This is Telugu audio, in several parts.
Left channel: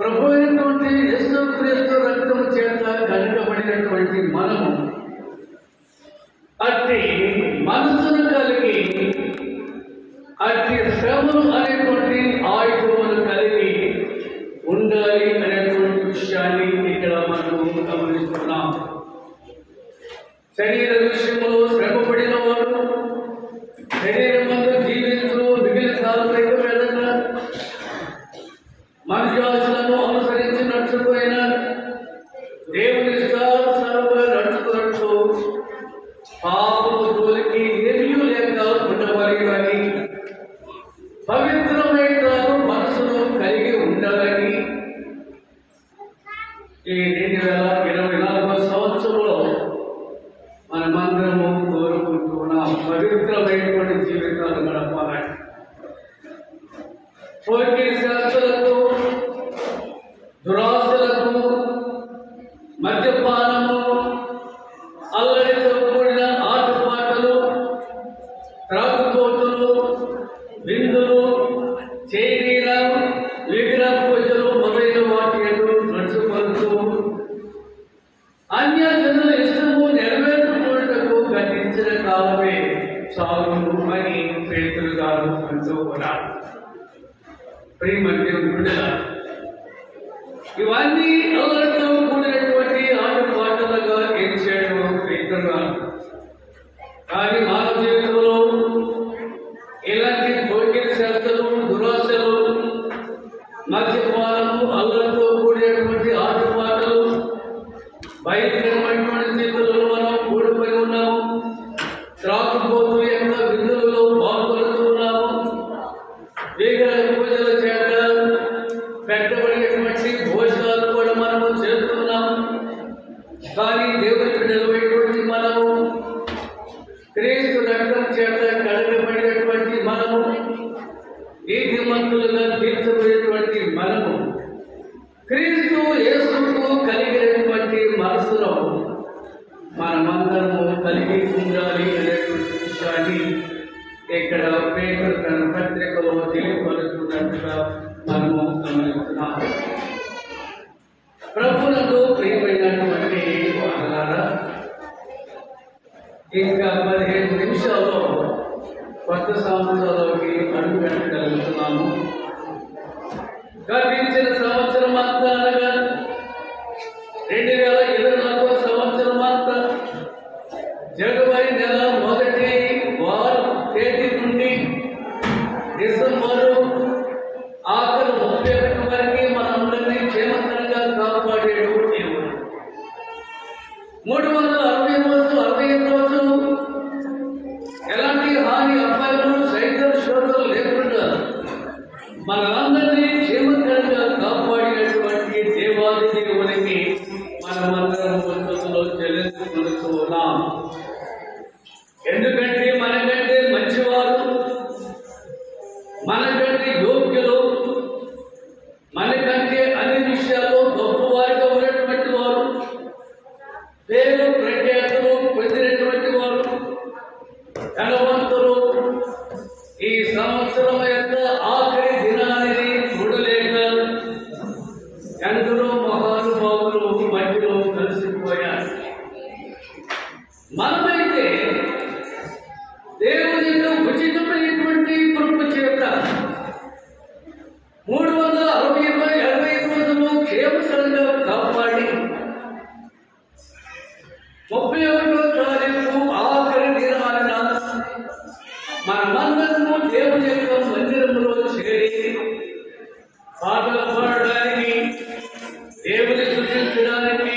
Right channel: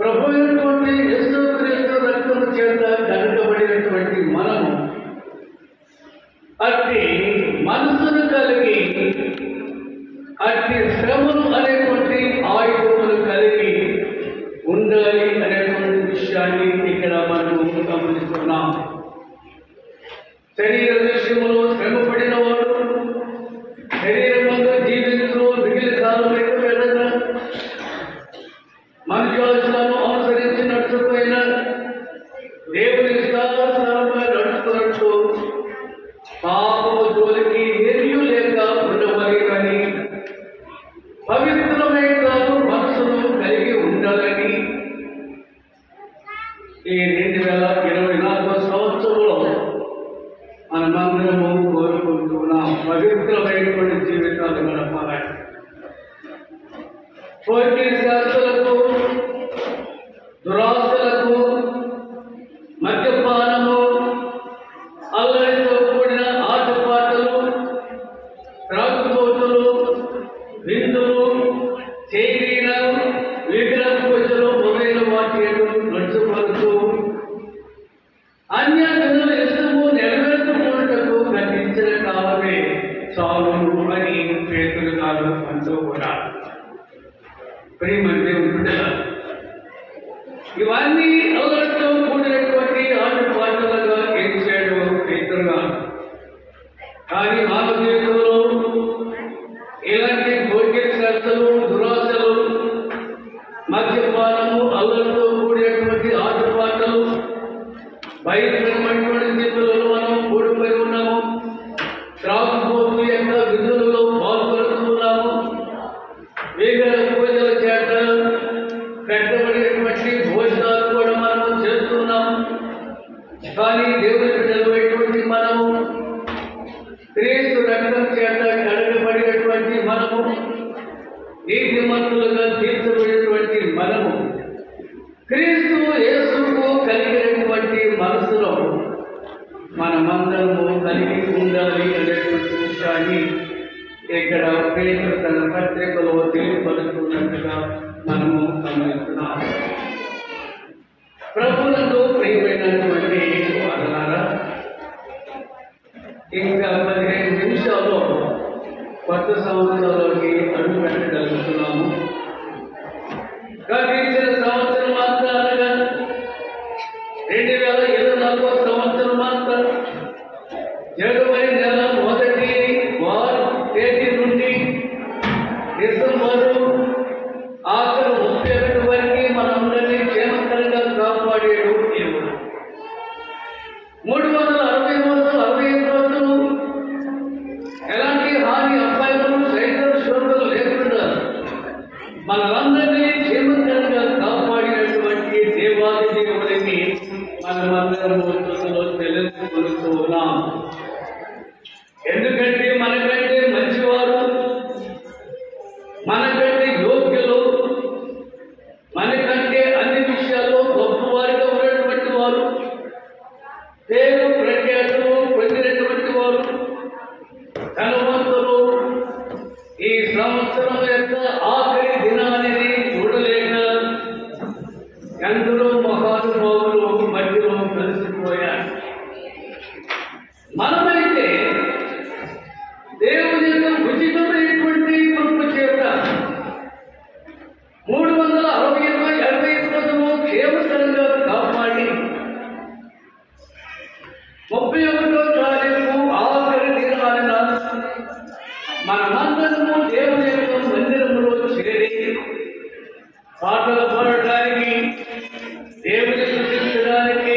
ప్రభు అయినటువంటి యేసుక్రీస్తు రక్తము చేత కడగబడినటువంటి మనము అట్టి మనసును కలిగి అట్టి శ్రమలు అనేటువంటి ఆయుధములు కలిగి ఉండాలి అనేటువంటి విషయాన్ని ఇక్కడ మనము గమనిస్తున్నాం. శరీర విషయంలో శ్రమపడిన వాడు శరీరంలో జీవించు మిగిలిన కాలమైన విధంగా మనుషులను అనుసరించి నడుచుకుపోయిన దేవుని ఇష్టానుసారంగా నడుచుకున్నట్టు పాపము జోలికి ఎరియు లేక ఉండమని కానీ పవిత్రమైన మనసును కలిగి ఉండాలని ఈ 2024 సంవత్సరంలో మనమందరము కోరుకుంటున్నాం. పవిత్రమైనటువంటి జీవితాలు గడపాలని పోటీ శాస్త్రాలకు దురాశలకు మద్యపానము అల్లరితో కూడిన ఆటపాటలు త్రాగుబోతులు విందులు చేరీల విగ్రహ పూజలు మొదలైన వాటి నడుచుకొడుతూ అన్య జనుల ఇష్టము నెరవేర్చుకున్నటకు గతించిన కాలమే చాలు అని పేతురు గారు అంటూ కూడా ప్రియమైన దేవుని బిడ్డలారా, ఇవన్నీ అల్లరితో కూడినటువంటి ఆటపాటలుగా ఏం చేయడం పేతురు గారు. కానీ మానవ జీవితంలో ఇలాంటి పోటీ శాస్త్రాలు దురాశలు మద్యపానము అల్లరితో కూడినటువంటి ఆటపాటలు భయంకరమైనటువంటి స్థితులలో మనం కూడిపోయి ఉన్నాము. త్రాగుబోతు యొక్క విధులలో పాల్గొడుతున్నాము. విగ్రహ పూజల చేత పెట్టబడినటువంటి భోజనాలు కూడా మనము చేస్తున్నాము. కానీ దేవుని బిడ్డలైనటువంటి మనము క్రీస్తు రక్తం చేత కడగబడినటువంటి మనము నీతిమంతులుగా తీర్చబడినటువంటి మనము క్రీస్తు యేసుకు కలిగినటువంటి మనసులో మనమందరము కలిగి ఉండాలి అనేటువంటి విషయాన్ని ఇక్కడ పేతురు తన పత్రికలో తెలియపరుస్తున్నట్టుగా మనము గమనిస్తున్నాం. ప్రభువులకు ప్రియమైనటువంటి వారలారా, ఇంకా 15 నిమిషాల్లో కొత్త సంవత్సరంలోకి అడుగు పెట్టగలుగుతున్నాము. గతించిన సంవత్సరం అంతా అనగా 2024 సంవత్సరం అంతా జనవరి నెల 1వ తేదీ నుండి డిసెంబరు ఆఖరు 31 వరకు మనందరినీ క్షేమకరంగా కాపాడేడు దేవుడు. 365 రోజులు ఎలాంటి హాని అపాయములు సైతం శోధనలు లేకుండా మనలందరినీ క్షేమకరంగా కాపాడినటువంటి దేవాది దేవుడిని మనమందరం ముందులో చెల్లించుకుంటూ ఉన్నాం. ఎందుకంటే మనకంటే మంచివారు, మనకంటే యోగ్యులు, మనకంటే అన్ని విషయాల్లో గొప్పవారిగా ఉన్నటువంటి వారు, పేరు ప్రఖ్యాతులు పొందినటువంటి వారు, ధనవంతులు ఈ సంవత్సరం యొక్క ఆఖరి దినాన్ని చూడలేక ఎందరో మహానుభావులు మధ్యలో కలిసిపోయారు. మనమైతే దేవుని యొక్క ఉచితమైనటువంటి కృప చేత 365 రోజులు క్షేమకరంగా కాపాడి 31వ తారీఖు ఆఖరి దినాన మనమందరము దేవుని యొక్క మందిరంలో చేరి పాటలు పాడడానికి, దేవుని స్తుతించడానికి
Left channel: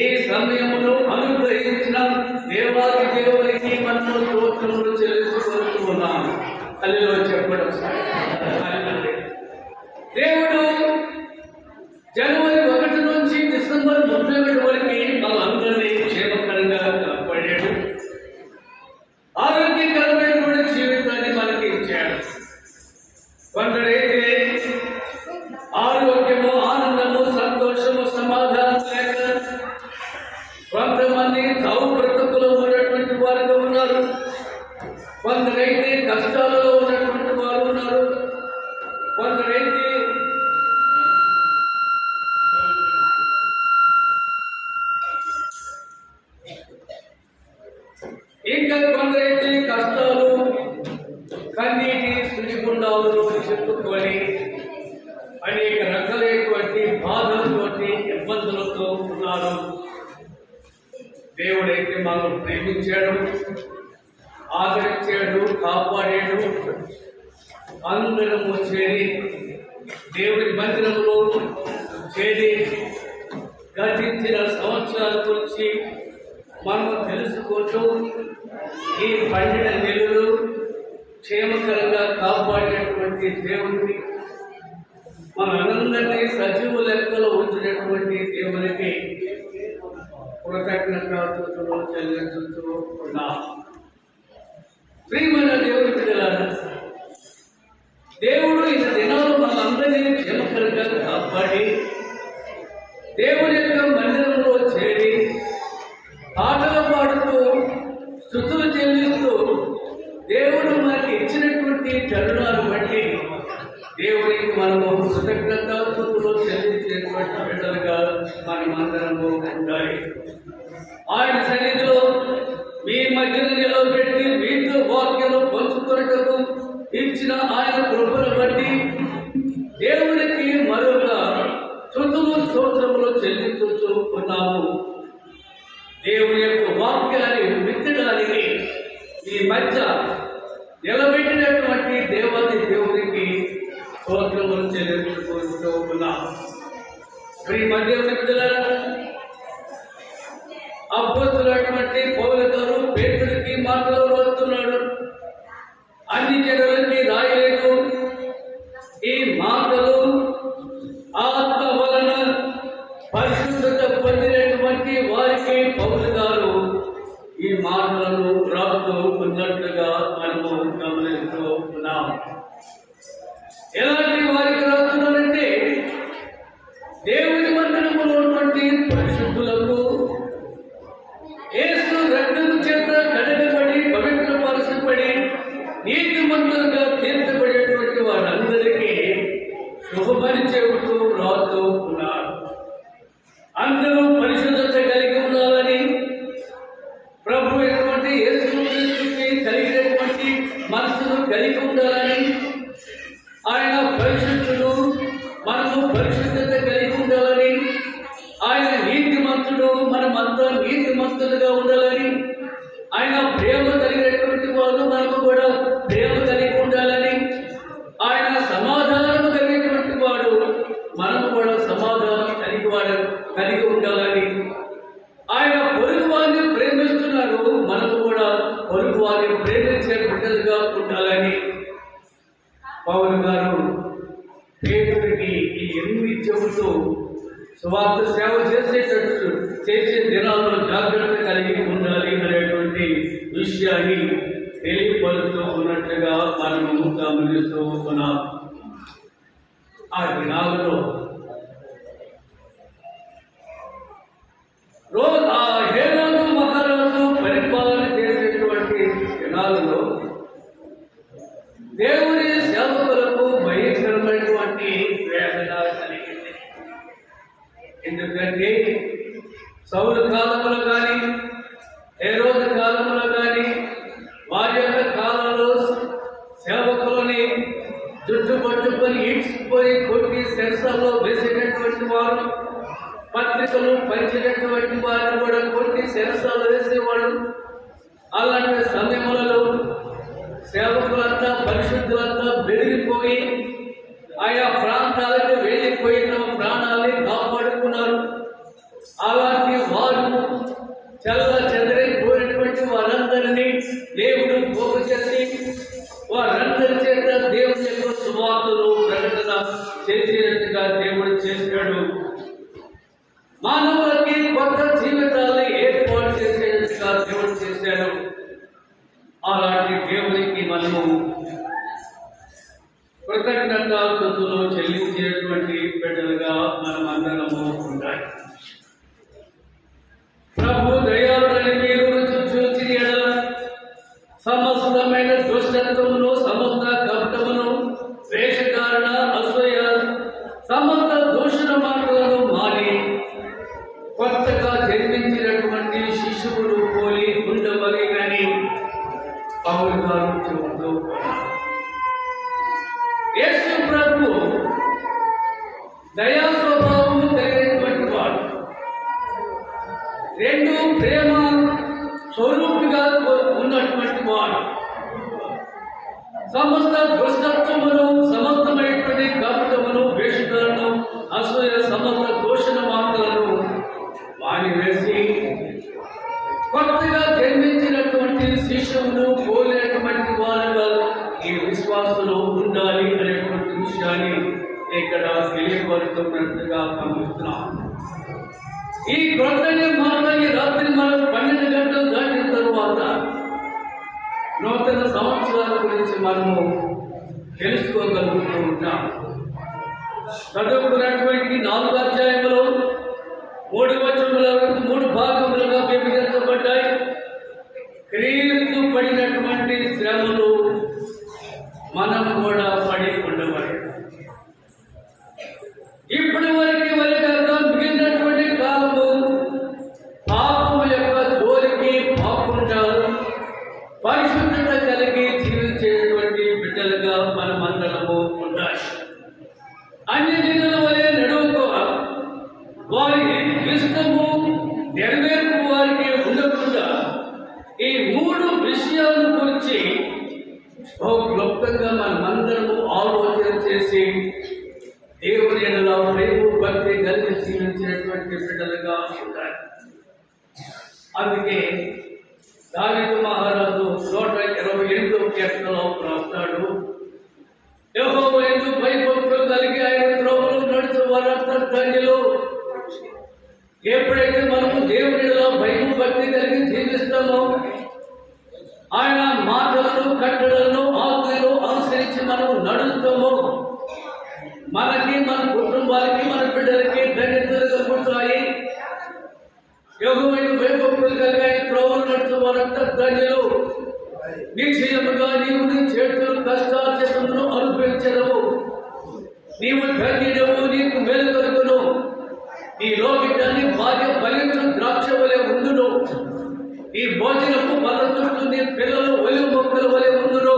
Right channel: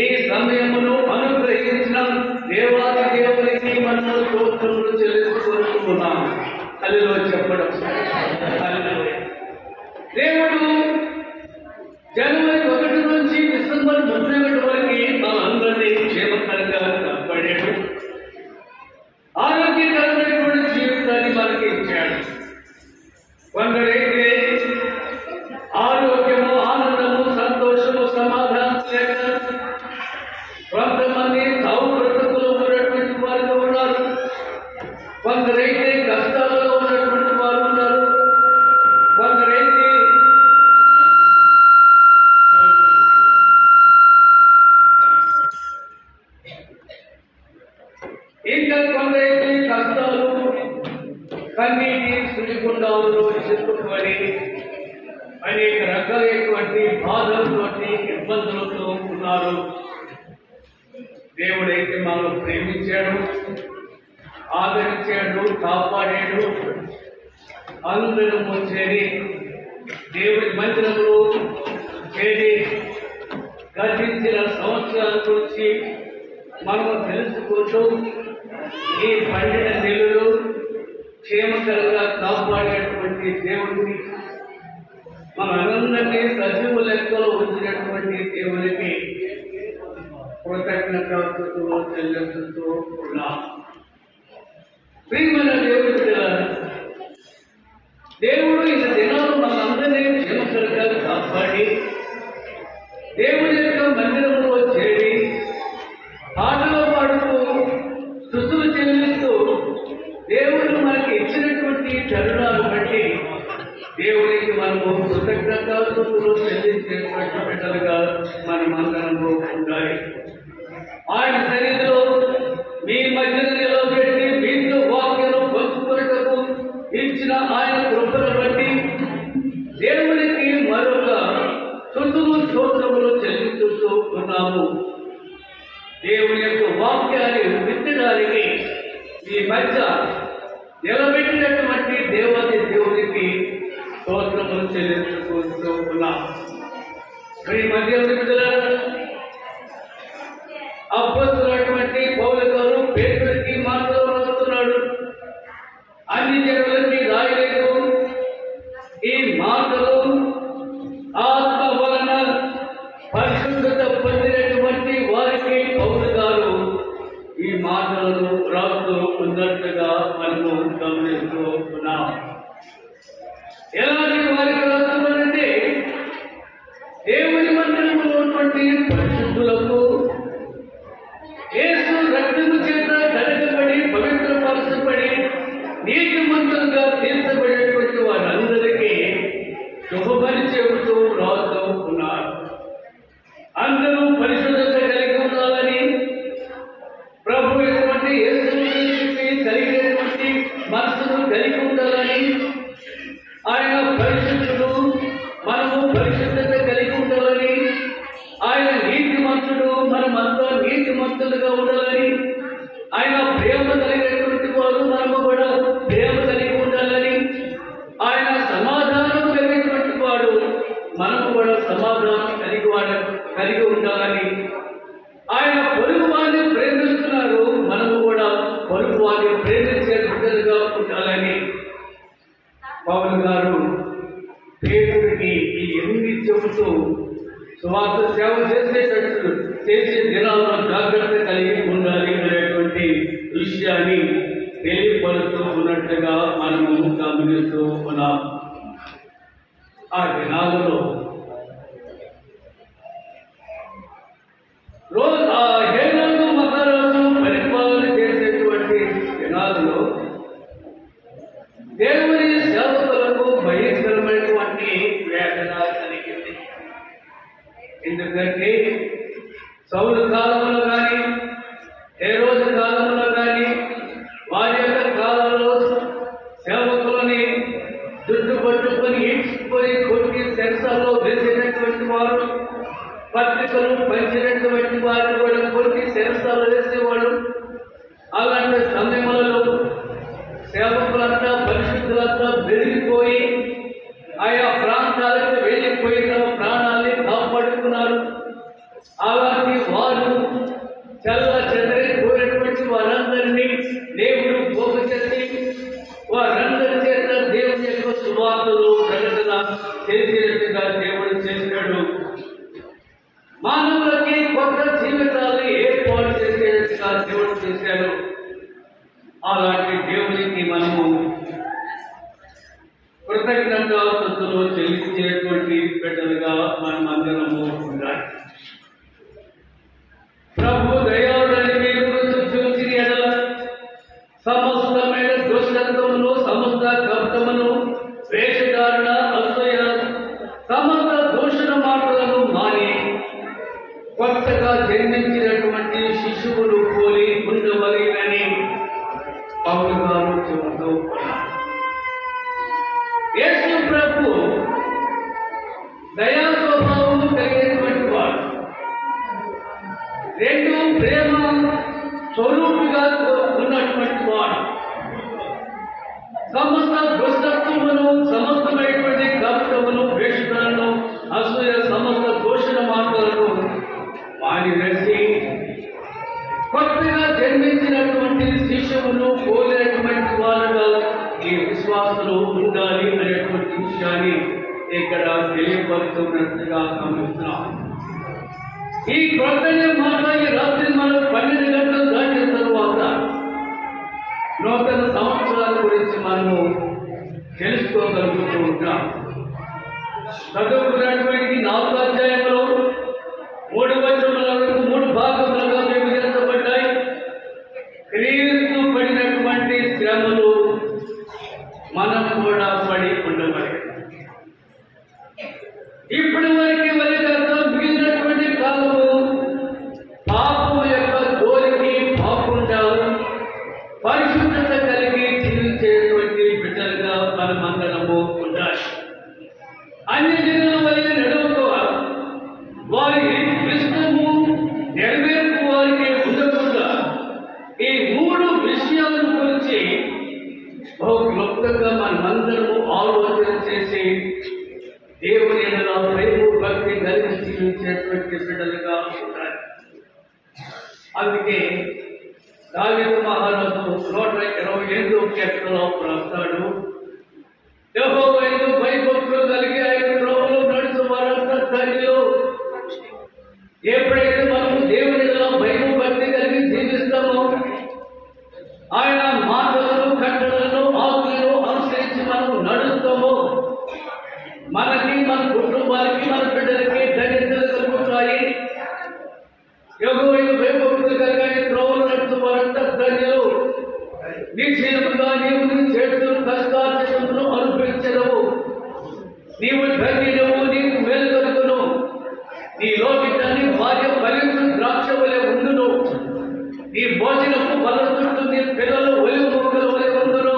ఈ సమయమును అనుగ్రహించిన దేవాది దేవునికి మనము స్తోత్రములు చెల్లించుకుంటున్నాం. హల్లెలూయా చెప్పడం. హల్లెలూయా. దేవుడు జనవరి 1 నుంచి డిసెంబర్ 31 వరకు మనందరినీ క్షేమకరంగా కాపాడాడు. ఆరోగ్యకరమైనటువంటి జీవితాన్ని మనకి ఇచ్చాడు. కొందరైతే ఆరోగ్యము, ఆనందము, సంతోషము, సమాధానం లేక కొంతమంది తావు బ్రతుకులో ఉన్నటువంటి వారితో ఉన్నారు. కొందరైతే కష్టాలలో ఉన్నటువంటి వారు ఉన్నారు. కొందరైతే అగ్నిగుండాలలో చిక్కుకొని అనేక రకాలైనటువంటి బాధలతోటి ఇబ్బందులతో ఉన్నారు. దేవుడైతే మనం ప్రేమించాడు, ఆదరించాడు, కాపాడాడు. అందరము చేరి దేవుడి మందిరంలో చేరి గతించిన సంవత్సరాల గురించి మనము తెలుసుకోవచ్చు. ఈ పండిన నెలలు క్షేమకరంగా కాపాడేటువంటి దేవుడిని, మన అందరినీ సజీవ లెక్కలో ఉంచినటువంటి దేవునికి కృతజ్ఞతలు చెల్లించుతూ ఉన్నాం. ప్రియమైన దేవుడి బిడ్డలారా, దేవుడు ఈ దినాలు మనందరినీ క్షేమకరంగా కాపాడి దేవుని యొక్క మందిరంలో చేరి పాటలు పాడుతూ స్తుతులు చెల్లిస్తూ దేవుడు మనకి ఇచ్చినటువంటి తరుణాలు బట్టి దేవునికి మనము కృతజ్ఞతాస్తుతులు చెల్లించేటువంటి బిడ్డలుగా మనమందరము ఉండాలి. ఆయన సన్నిధిలో మీ మధ్యన నిలబెట్టి మీతో వాక్యాలు పంచుకొనుటకు ఇచ్చిన ఆయన కృపను బట్టి దేవునికి మరొక స్తుతులు స్తోత్రములు చెల్లించుతూ ఉన్నాము. దేవుని యొక్క వాక్యాన్ని విత్తడానికి ఈ మధ్య నిలబెట్టినటువంటి దేవునికి స్తోత్రములు చెల్లించుకుంటూ ఉన్నాము. దేవుని బిడ్డలారా, అపోస్తలుడైనటువంటి పౌలు గారు పేతురుకి మాటలు రాస్తున్నాడు. అన్ని జనులకి రాయలేదు, ఈ మాటలు ఆత్మ వలన పరిశుద్ధత పొందినటువంటి వారికి పౌలు గారు ఈ మాటలను రాస్తూ ఉన్నట్లుగా మనము గమనిస్తూ ఉన్నాం. ఎలాంటి వారికి రాస్తున్నారంటే, దేవుని మందిరంలో ఉన్నటువంటి పరిశుద్ధులకు యేసు రక్తము చేత కడగబడి పవిత్రపరచబడి నీతిమంతులుగా తీర్చబడేటువంటి వారందరికీ శుభమని చెబుతూ రాస్తూ ఉన్నారు. అందరూ పరిశుద్ధత కలిగి ఉండాలని, ప్రభు ఎటువంటి యేసు కలిగినటువంటి మనసును కలిగి ఉండాలని, ఆయన పరిశుద్ధుడు, మనము పరిశుద్ధత కలిగి ఉండాలని, ఆయన నీతిమంతుడు, మనమంతా నీతిమంతులుగా ఉండాలని, ఆయన ప్రేమ కలిగినటువంటి వాడు, మనము కూడా ప్రేమ కలిగి ఉండాలని, ఆయన సమాధానం కలిగినటువంటి వాడు, మనము కూడా సమాధానం కలిగి ఉండాలని, ఆయన పొరుగు వారిని ప్రేమిస్తున్నారు, మనము కూడా పొరుగు వారిని ప్రేమించే బిడ్డలుగా ఉండాలని పౌలు గారు పేతురుకి ఈ ఎన్ని చెబుతూ సువార్త సేవ చేసే దినాల్లో జాగ్రత్త కలిగి ఉండాలి అనేటువంటి విషయాన్ని తెలియపరుస్తూ ఉన్నట్లుగా మనము గమనిస్తూ ఉన్నాం. ఆ దినాలలో హేరోదు మహారాజు పరిపాలన చేసేటువంటి దినాలలో దేవుని సేవకులకు భయంకరమైనటువంటి వేదన కలిగింది. ఎందుకంటే సౌలు కాలంలో కానీ హేరోదు కాలంలో కానీ వారి యొక్క కాలంలో సేవకులని జుట్టు పట్టుకొని ఈడ్చుకొని కొట్టి శిరసాల్లో వేసేటటువంటి వారు, పత్రికలు పంచినటువంటి వారు కూడా కొట్టి శిరసాలు వేసేవాళ్ళు. అలాంటి సమయములలో సేవకులంతా పరిశుద్ధులంతా పెరిగిపోయి ఆయా ప్రాంతాలకు వెళ్ళిపోయి తమ ప్రాణాన్ని కాపాడుకున్నారు. అలాంటి వారు చెదరైపోయినటువంటి వారందరినీ దేవుడు పోగు చేసి వారందరి చేత దేవుని యొక్క సువార్తలు ప్రకటన చేసేట్టుగా దేవుడు చేసినాడు. మానవులకి కొత్త జీవితాన్ని ఏర్పాటు చేసేట్టుగా దేవుడు చేశాడు. అలాంటి దేవునికి మనము కృతజ్ఞతాస్తుతులు చెల్లించేటువంటి బిడ్డలుగా మనం అందరము ఉండాలి. ప్రభు దయాళుడని మీరు చూచిన ఎడల సమస్తమైన దుష్టత్వమును, సమస్త కపటమును, వేషధారణ, అసూయ, సమస్త దూషణ మాటలను మాని కొత్తగా జన్మించినటువంటి శిశువులు పోలి ఉండవలేనని పౌలు గారు చెబుతూ దయా స్వభావము కలిగినటువంటి వాడు, 2 ప్రేమ స్వరూపిగా ఉన్నటువంటి వాడు, సమస్త దుష్టత్వమును, సమస్తమైనటువంటి కపటమును, వేషధారణ, అసూయ, సమస్త దోషణ మాటలను మానివేసి కొత్తగా జన్మించినటువంటి శిష్యులను పోలేనటువంటి వారుగా ఈ విశ్వాసంలో ఉండాలి అనేటువంటి విషయాన్ని ఇక్కడ తెలియపడుతున్నట్టుగా గమనిస్తున్నాం. ఈ కొత్త మాట ఈ రాత్రి మనం 12 గంటలు దాటిన తరువాత నూతన సంవత్సరాల గురించి మనము తెలుసుకోగలుగుతూ ఉంటాం. చదువుకున్నటువంటి 4వ అధ్యాయంలో 3 వచనముల వరకు 3 భాగములుగా విభజించబడ్డాయి. క్రీస్తు పడినటువంటి శ్రమలు మనము కూడా పడి ఉండవాలి. ఇప్పటి వరకు మిగిలినటువంటి కాలము పాపము యొక్క జోలికి పోకుండా పరిశుద్ధత కలిగి జీవించేటువంటి బిడ్డలుగా మనమందరము ఉండాలి. అన్ని జనుల వలె నడువుకోవాలి. వారి ఇష్టము నెరవేర్పు వారికి ఉండకుండా ఈ 3 విషయాల గురించి బహు క్లుప్తంగా మనమందరము ఆలోచన చేసి దేవుని ఎడల ప్రేమ భక్తి కలిగి జీవించినటువంటి బిడ్డలుగా ఉండాలి. అందుకే దావీదు మహారాజు 128వ కీర్తనలో రాస్తాడు, యెహోవా యందు భయభక్తులు కలిగి ఆయన త్రోవలో నడుచు వారంతా ధన్యులు. ఎప్పుడైతే మనము దేవుని ఎడల భయము భక్తి కలిగి జీవిస్తామో, ఆయన మాటలను, కట్టడలను, ఆజ్ఞలను అనుసరించి మనము నడుస్తామో, మనకి, మన కుటుంబానికి, మన బిడ్డలకి ధన్యతలు కలుగుతాయి. యెహోవా యందు భయభక్తులు కలిగి ఆయన త్రోవలో నడుచు వారంతా ధన్యులు. నిశ్చయముగా నీవు నీ చేతులు కష్టార్జితమును అనుభవించదవు. నీవు ధన్యుడవు, నీకు మేలు కలుగును. నీ లోకిటాన్ని భార్య ఫలించు ద్రాక్ష వలె ఉండును. నీ భోజనము బలదుట్టు, నీ పిల్లలు ఒలివ మొక్కల వలె ఉండును.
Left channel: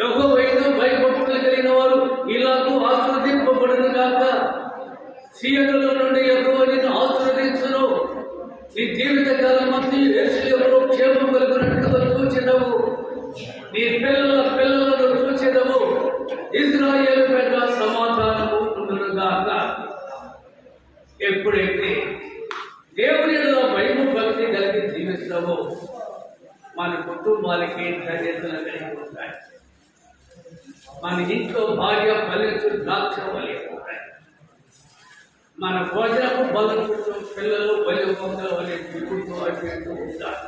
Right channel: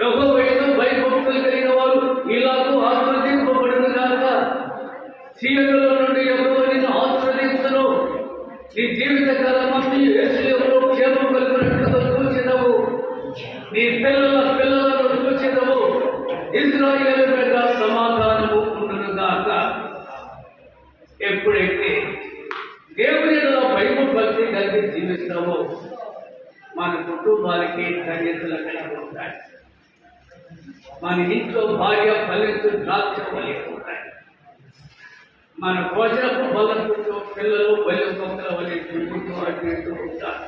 యెహోవా యందు భయభక్తులు కలిగిన వారు ఇలాగూ ఆశీర్వదింపబడును గాక. సీయోనులో నుండి యెహోవా నిన్ను ఆశీర్వదించును. నీ జీవిత కాలమంతా యెరూషలేములో క్షేమం కలుగునట్లుగా చూచెదవు. నీ పిల్లల పిల్లలను చూచెదవు. ఇశ్రాయేలు మీద సమాధానము ఉండును గాక. ఎప్పుడైతే దేవునిలో భయము భక్తి కలిగి జీవిస్తావో మన కుటుంబాలకి ధన్యతలు కలిగి ఉంటాయి. మన ఇంట్లో భార్య ఫలించు ద్రాక్ష వలె ఉంటాయి. మన భోజనపు బలపుట్టు పిల్లలు బలి మొక్కల వలె తిరుగుతూ అటు ఇటు ఉంటారు.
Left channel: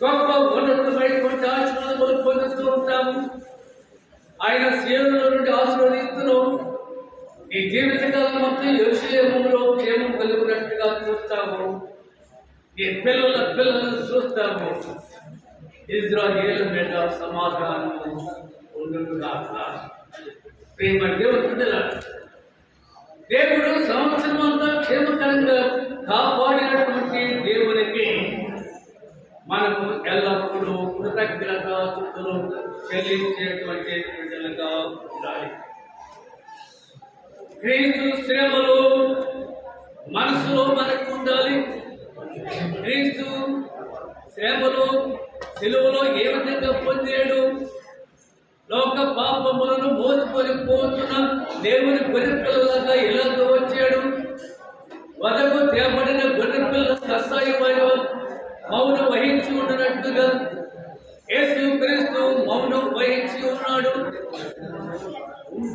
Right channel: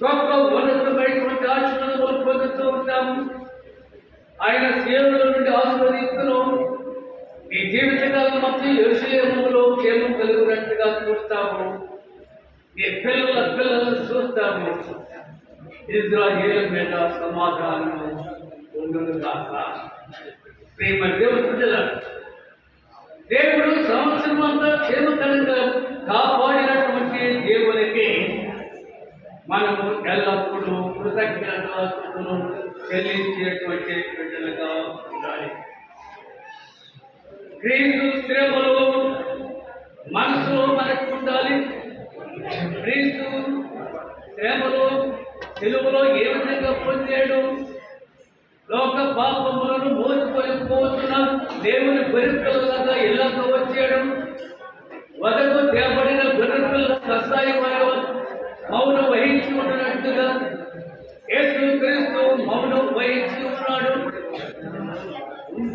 గొప్ప ఉన్నతమైనటువంటి ఆశీర్వాదములు పొందుతూ ఉంటాము. ఆయన సీయోనులో నుండి ఆశీర్వదిస్తును. ఈ జీవితకాలం మొత్తం యెరూషలేములో క్షేమం కలుగునట్టుగా చూస్తాము. ఈ పిల్లల పిల్లలను చూస్తాము. ఇశ్రాయేలు మీద సమాధానము ఉండును గాక. ప్రేమ దేవుడు సంవత్సరం అంతా క్షేమకరంగా కాపాడినటువంటి దేవునికి మనము ఎల్లప్పుడూ కృతజ్ఞతాస్తుతులు చెల్లించేటువంటి బిడ్డలుగా ఉండాలి. క్రీస్తు శ్రమలు మనసులో మనకు ఉండాలి. క్రీస్తు శ్రమలు సిలువలో ఏ విధంగా పొందాడు, లోక పాపములను మోసుకొని పోతున్న దేవుని గొర్రెపిల్లలాగా ఇలాగ వచ్చాడు. వదకు తేబడిన గొర్రెపిల్ల కషాయమైన మౌనం వహించి ఉన్నట్టుగా యేసు క్రీస్తు మౌనం వహించి ఉన్నాడు.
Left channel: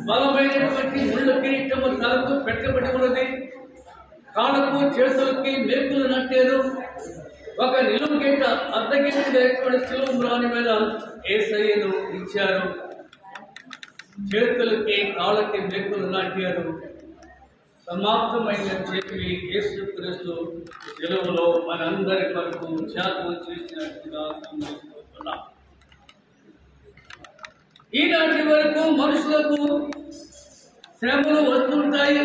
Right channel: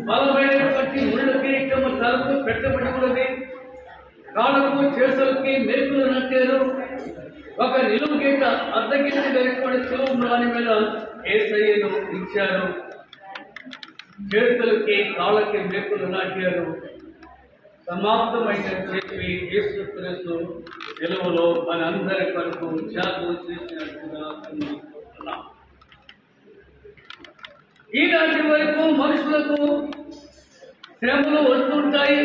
బలమైనటువంటి ముళ్ళ కిరీటము తలకు పెట్టబడి ఉన్నది. కాళ్ళకు చేతులకి మేకులు నట్టారు. ఒక నిలువు గీత అర్ధగీతటువంటి శిలువరాని మీద యేసయ్యను ఇచ్చారు. చేతులకి కాళ్ళకి మేకులు నాటారు. సమాప్తమైన చెప్పి యేసు క్రీస్తు శిలువలో మనందరి కొరకు త్యాగం చేసినట్టుగా గమనిస్తున్నాం. ఈనాటి వరకు మనుషులకు శ్రమలు వస్తుంటాయి,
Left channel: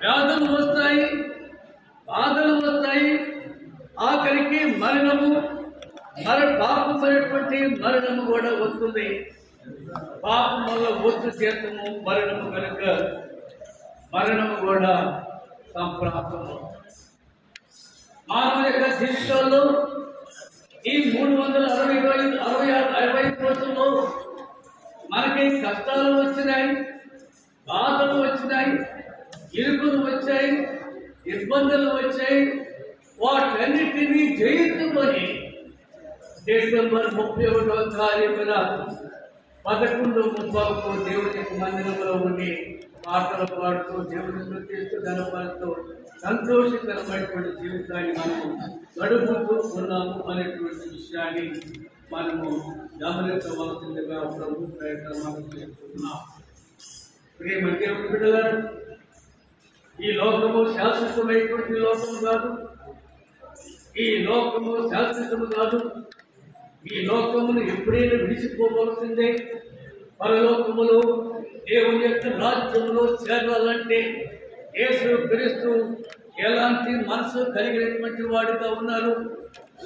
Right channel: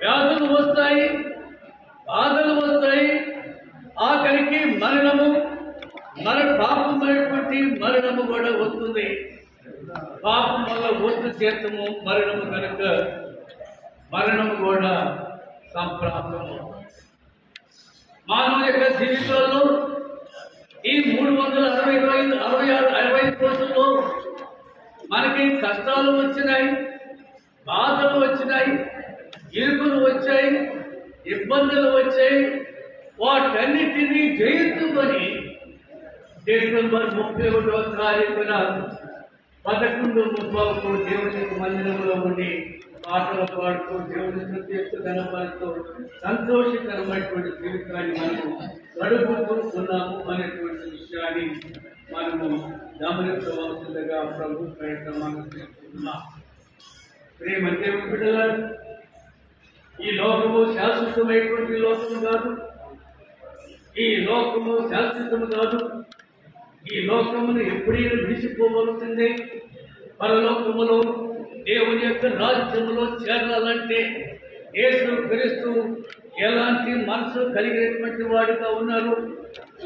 వ్యాధులు వస్తాయి, బాధలు వస్తాయి, ఆఖరికి మరణము, పాపమైనటువంటి మరణము కూడా వస్తుంది. పాపం వల్ల వద్దు చేతము మరణము కనుక మరణం కూడా సంప్రాప్తము. మానవ యొక్క జీవితాల్లో ఈ 365 రోజుల్లో మనకి కష్టాలు వచ్చినాయి, బాధలు వచ్చినాయి, ఇరుకులు వచ్చాయి, ఇబ్బందులు వచ్చాయి. వాటన్నిటినీ జయించుకొని డిసెంబర్ 31వ తారీఖున 11:30కు దేవుని మందిరంలో ఉండి పాటలు పాడుతూ దేవుని స్తుతిస్తూ గణపడుతూ సంతోషకరమైనటువంటి జీవితాన్ని మనము గడుపుతూ ఉన్నాము అనేటువంటి విషయాన్ని మనము గమనించవలసిందిగా ప్రభు ప్రయత్నం మనం చేస్తున్నాం. ప్రేమ దేవుని బిడ్డలారా, ఈ లోకము శాశ్వతమైనటువంటి లోకము కాదు, ఈ లోకము శాశ్వతము కాదు. ఈ లోకమును ఎప్పుడైనా విడిచిపోవలసిందే. పరలోకములో దేవుని యొక్క రాజ్యములో చేరాలంటే యేసు క్రీస్తు ఎలాంటి మనసు కలిగినటువంటి వాడుగా ఉన్నారు,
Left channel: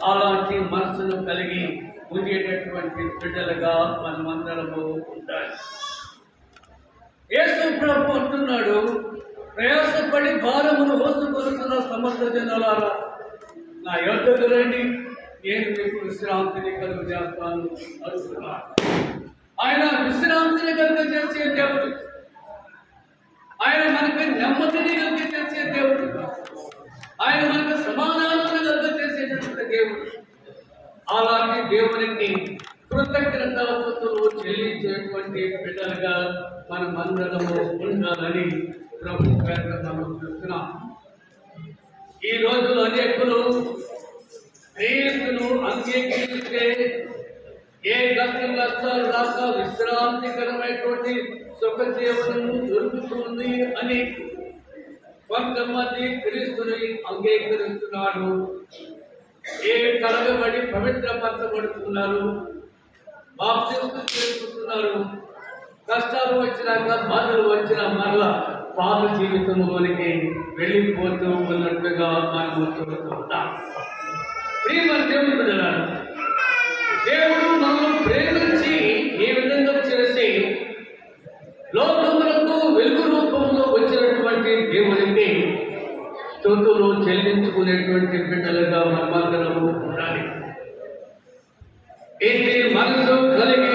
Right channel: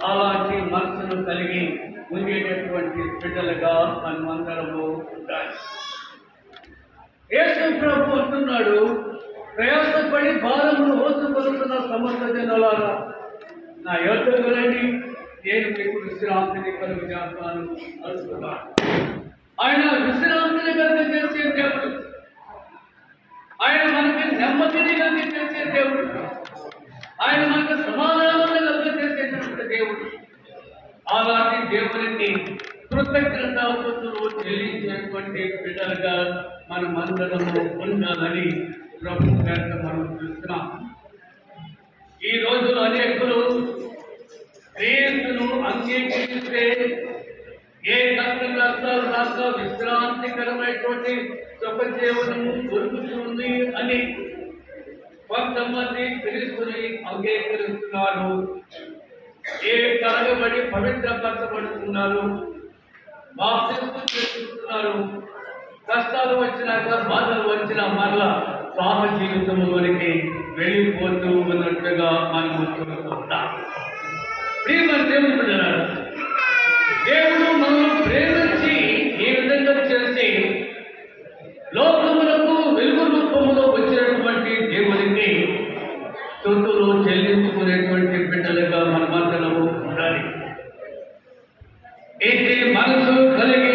అలాంటి మనసును కలిగి ఉండేటటువంటి బిడ్డలుగా మనమందరము ఉండాలి. యేసు ప్రభు అంటున్నాడు, ప్రయాసపడి భారమును మోసుకొనుతున్న సమస్త జనులారా నా యొద్దకు రండి, నేను మీకు విశ్రాంతిని కలుగజేస్తాను అంటున్నాడు. ఆయన విశ్రాంతిని కలిగజేసే దేవుడు, ఆయన మనకి నెమ్మదిని కలిగజేసే దేవుడు, ఆయన మనకు సమాధానాలను కలిగజేసేటటువంటి దేవుడు. అలాంటి దేవునికి కృతజ్ఞతాస్తుతులు చెల్లించేటువంటి బిడ్డలుగా మనమందరము ఉండాలని ప్రభు గారిని మనం చూస్తున్నాం. ఈ రోజుల్లో అనేకులు క్రీస్తును అంగీకరిస్తే ఏ కష్ట నష్టాలు రాక విశ్రాంతికరమైనటువంటి సుఖ జీవనము దొరుకుతుంది అని కొంతమంది క్రీస్తుని అంగీకరిస్తున్నారు. ఏ కడగబడి పవిత్రపరచబడుతున్నారు, బాప్తిస్మం చేసుకుంటున్నారు. కష్టాలు వచ్చినాక, బాధలు వచ్చినా మరలా పాప జీవితంలోనికి వెళ్ళిపోతూ ఉన్నట్టుగా మనం చూస్తున్నాం. దేవుడు మనం ప్రేమించి ఈ విధంగా చేసి లోకములకు వెలుగు రూపంలో వచ్చినటువంటి దేవునికి స్తుతులు చెల్లించుకునేటువంటి బిడ్డలుగా మనమందరము ఉండాలి. ఇది మనసు కలిగి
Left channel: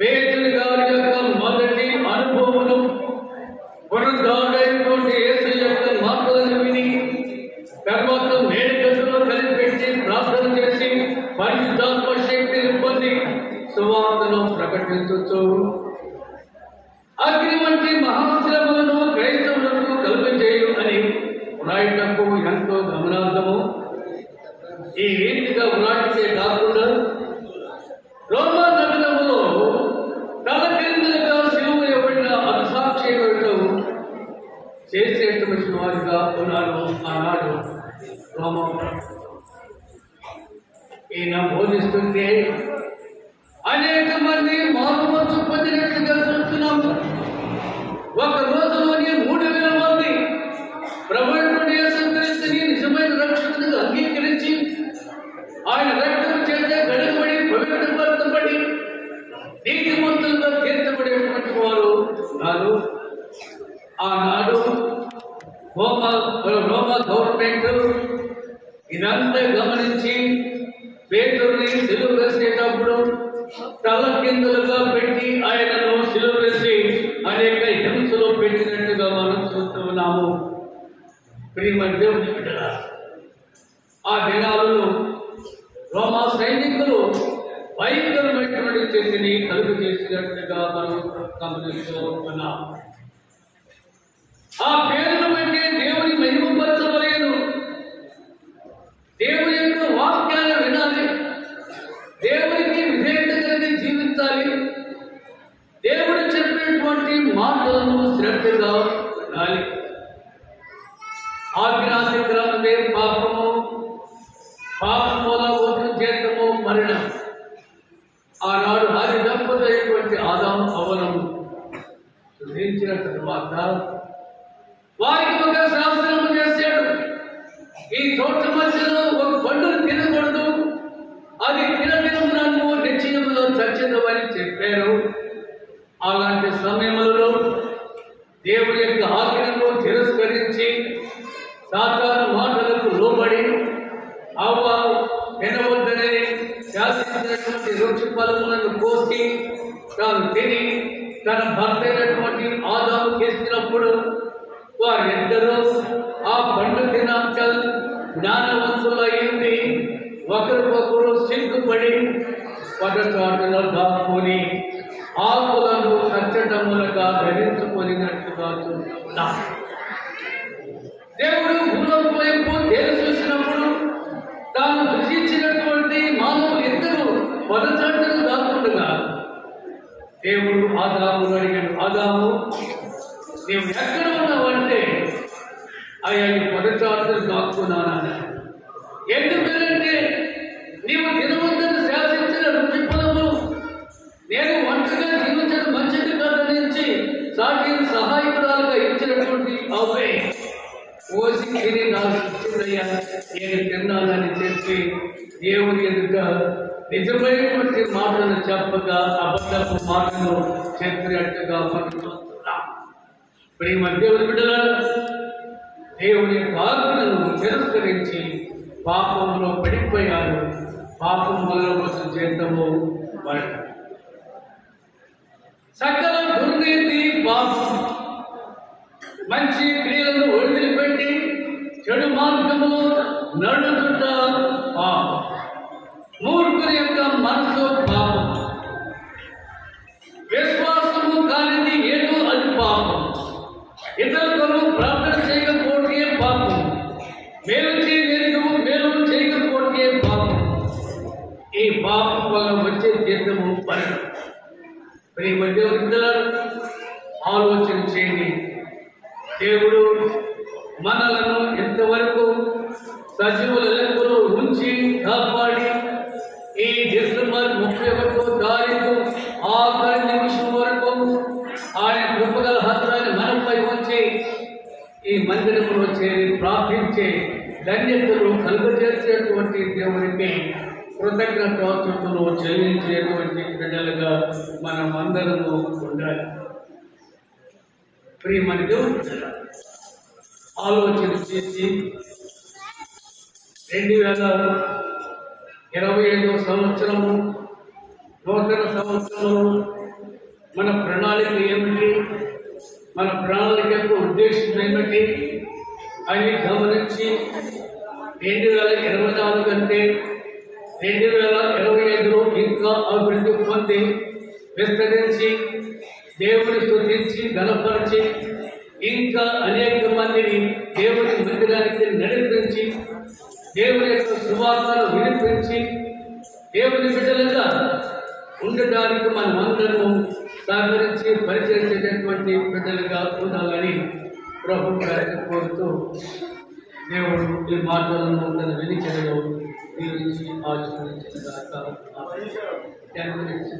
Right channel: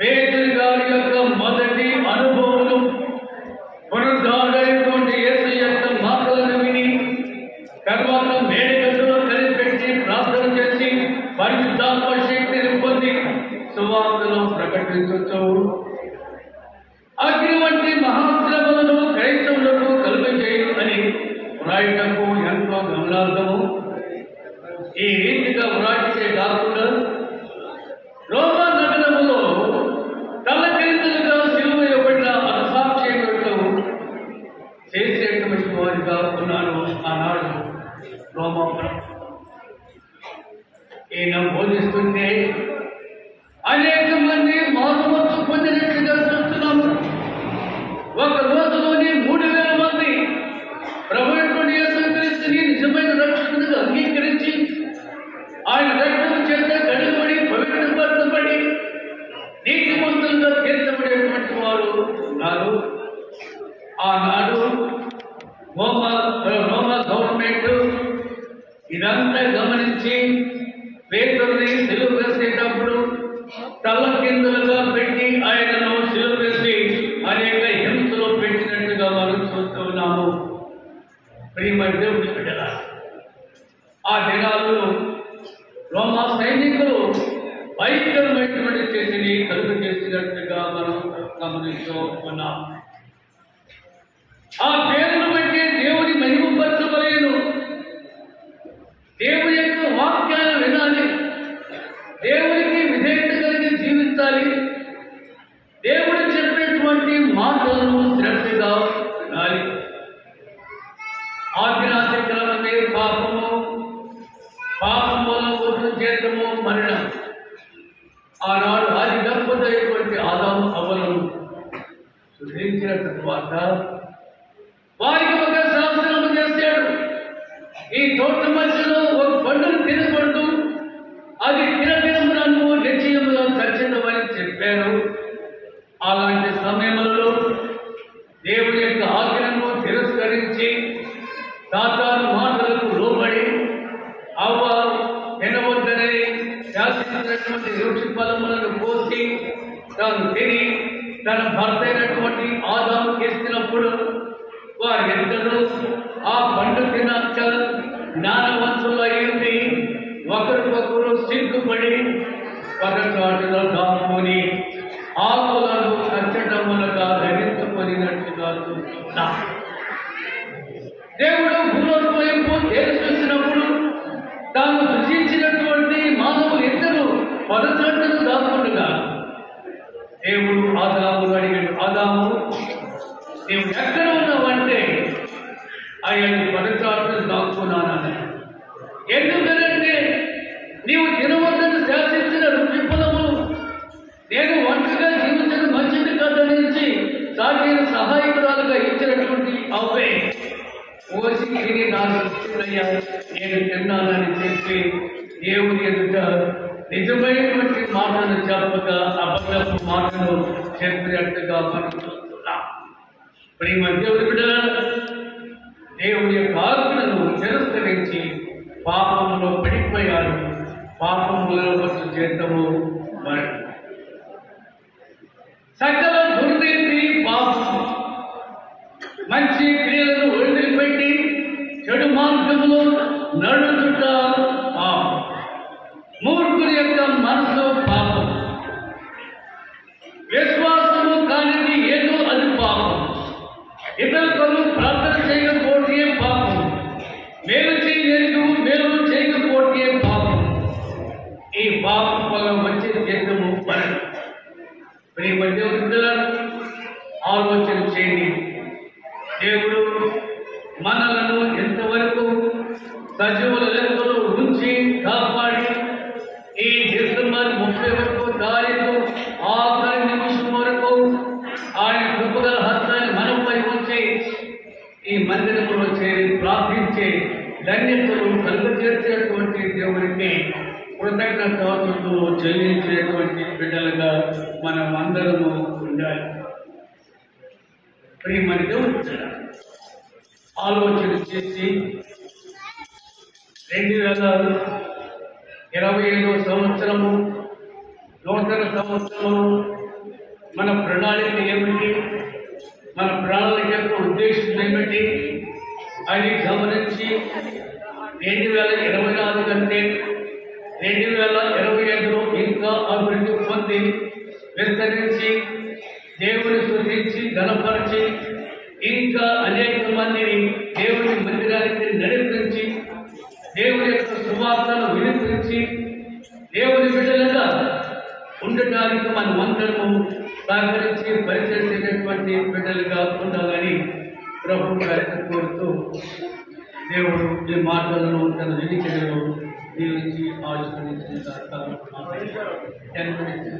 పేతురు గారి యొక్క మొదటి అనుభవం పునరుద్ధారుడైనటువంటి యేసు యొక్క మాటలను విని తర్వాత మేడగదిలో కలిపెట్టి ప్రార్థన చేసి పరిశుద్ధాత్మ శక్తిని పొంది సువార్తను ప్రకటించవచ్చు. అగ్ని వంటి మహాశ్రమలను క్రైస్తవులకు కలుగజేయు అని వ్రాయటకు ఎంతో గమనార్థము. ఈ రీతిగా వ్రాటికే కాకుండా రోమా నగరములో తలకిందులుగా సిలువ ఇవ్వబడిన అసాక్షికులతో చేసేటువంటి వారిగా ఉన్నారు ఆనాడు రోమా. ఈయన బోధిస్తుంటే అనేక మంది మానవత్వం పొందినట్లుగా చూస్తున్నాము. ఒక రోజులోని 3,000 మంది ప్రభువుని యేసుక్రీస్తుని నిజమైన రక్షకునిగా అంగీకరించి ఆయన రక్తం చేత గడపడి పవిత్రపరచబడి నీతిమంతులుగా తీర్చబడేటువంటి వారు ఉన్నారు. ఆనాడు రోమా గవర్నమెంట్ ఇదంతా గమనించి పేతురుని సిలువ వేసేటప్పుడు తల కిందులుగా పెట్టి ఆయనను సిలువ వేసి అనేక హింసలో పెట్టినట్టుగా మనం చూస్తున్నాము. ప్రియమ దేవుని బిడ్డలారా, ఆ దినాలలో రోమా సైనికులు భయంకరమైనటువంటి చేతిని కలుగు చేసినట్టుగా మనం గమనిస్తూ ఉన్నాం. ఆ పేరును బట్టి దేవుని మహిమపరచవలెను. దేవుని యొక్క వాక్యాన్ని వినాలి, దేవునికి విధేయత కలిగి జీవించాలి, దేవుడు చెప్పినటువంటి మాటలను శ్రద్ధగా వినాలి. ఆజ్ఞాతిక్రమే పాపము, పాపముల జీతము మరణం. ఆనాడు ఆది దంపతులైనటువంటి ఆదాము హవ్వలను సృష్టించిన తరువాత వారికి ఒక శాసనం చేశాడు. ఈ తోట మధ్యలో ఒక పండును తినకూడదు, అది తినదినమున నువ్వు నిశ్చయముగా చచ్చేదవని చెప్పారు. అలాంటి సమయంలో దేవుని యొక్క ఆజ్ఞను తిరస్కరించి సాతాను మాటలకు లోబడి అవ్వ తినవద్దనే శాసించినటువంటి వృక్ష ఫలములను కోసి తాను తిని తన భర్త అయినటువంటి ఆదాము చేసినప్పుడు వారిద్దరూ ఆ పండు తినక జ్ఞానవంతులు అయింది. ఒకరికొకరు సిగ్గుపడి ఒక చాటులో దాక్కుని ఆకులను కచ్చటములుగా ధరించుకొనినట్టుగా చూస్తున్నాం. దేవుడు భూలోకం వైపు తేలి చూసినప్పుడు తాను సృష్టించినటువంటి మానవులు ఇద్దరు పొదచాటును దాక్కుండగా దేవుడు ఆదాము అడిగాడు, ఆదాము నీవు ఎక్కడ ఉన్నావంటే ఆయన పొదచాటును దాక్కున్నానని. ఎందుకంటే నీవు తినవద్దని శాసించిన రుచి ఫలము నేను ఒంటరిగా జీవించడం మంచిది కాదనించి సాటి సహాయకురాలుగా ఇచ్చినటువంటి అవే ఓసి తిని నాకు ఇష్టమయ్యా నేను తిన్నానని చెప్పి దేవుని ఎదుట నిజమైనటువంటి మాటలు చెప్పక అబద్ధపు మాటలు చెప్పినట్టుగా పడుతున్నాం. ఈ మధ్య దేవుని యొక్క ఆజ్ఞలను తిరస్కరించి పాపంలో పడిపోయారు. పాపములో వచ్చి చేతము సకల దుర్నీతి పాపం. మంచి క్రియలను వదిలిపెట్టి చెడు మార్గములో నడుచుట పాపం. మూర్ఖుని యొక్క మనసు పాపం. విశ్వాసము కానిది ఏదో అది పాపం. ఇతరులకు ప్రార్థన చేయకపోతే పాపం. మేలు చేయలేదు మేలు చేయకపోతే పాపం. ఈ పాపం వల్ల వచ్చే జీతము పని. ఈ మధ్య ఆలోచన చేయండి. దేవుడు మనలను ఎంతవరకు సజీవుల లెక్కలో ఉంచి కాపాడి ఈ డిసెంబర్ 31వ తారీఖు ఆఖరి నిమిషం వరకు ఆయన కృపగల హస్తాన్ని మనపై ఉంచి ఈ మందిరంలో చేరి ప్రార్థించే ధన్యతలు కలుగజేసేటువంటి దేవునికి కృతజ్ఞతాస్తుతులు చెల్లించేటువంటి బిడ్డలుగా మనం అందరము ఉండాలి. ప్రియమైన దేవుడు ఆలోచన చేసి 2025వ సంవత్సరము నూతన సంవత్సరము మన ప్రణాళిక ఏమిటి, మన ప్రణాళిక యొక్క ఉద్దేశం ఏమిటి అని గమనించి 2024 కంటే 2025లో ఇంకా అభివృద్ధి పొంది విస్తరించి దేవుని స్తుతించి ఘనపరిచి ఇంకా అనేక మందిని దేవుని మందిరానికి నడిపించి దేవుని యొక్క సువార్తను వినిపించి దేవుని బిడ్డలుగా ఉండటానికి మనమందరము సహకరించి పరిచయించేటటువంటి బిడ్డలుగా ఉండాలని ప్రభు గారిని కోరుతూ దేవుడు ఈ మాటలను తన వినికిడిలో దీవించి ఆలోచించిన దాకా 10 minutes.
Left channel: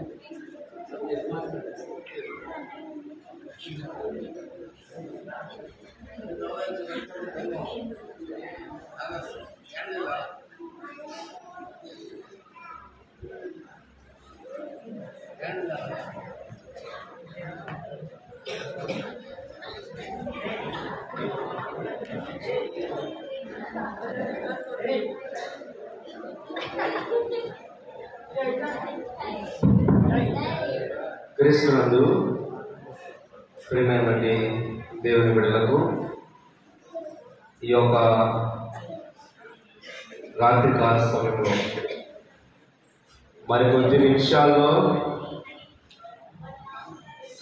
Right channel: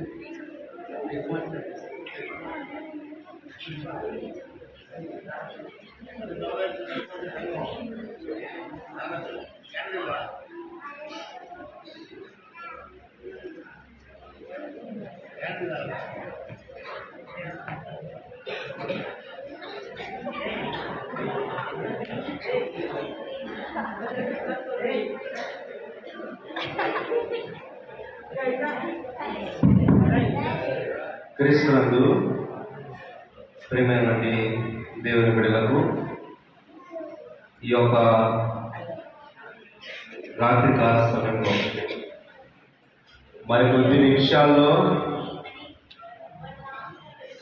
క్రీస్తునందు ప్రియమైనటువంటి దేవుని బిడ్డలకు ఈ యొక్క రాత్రికాల సమయంలో మరి కొద్ది నిమిషాల్లో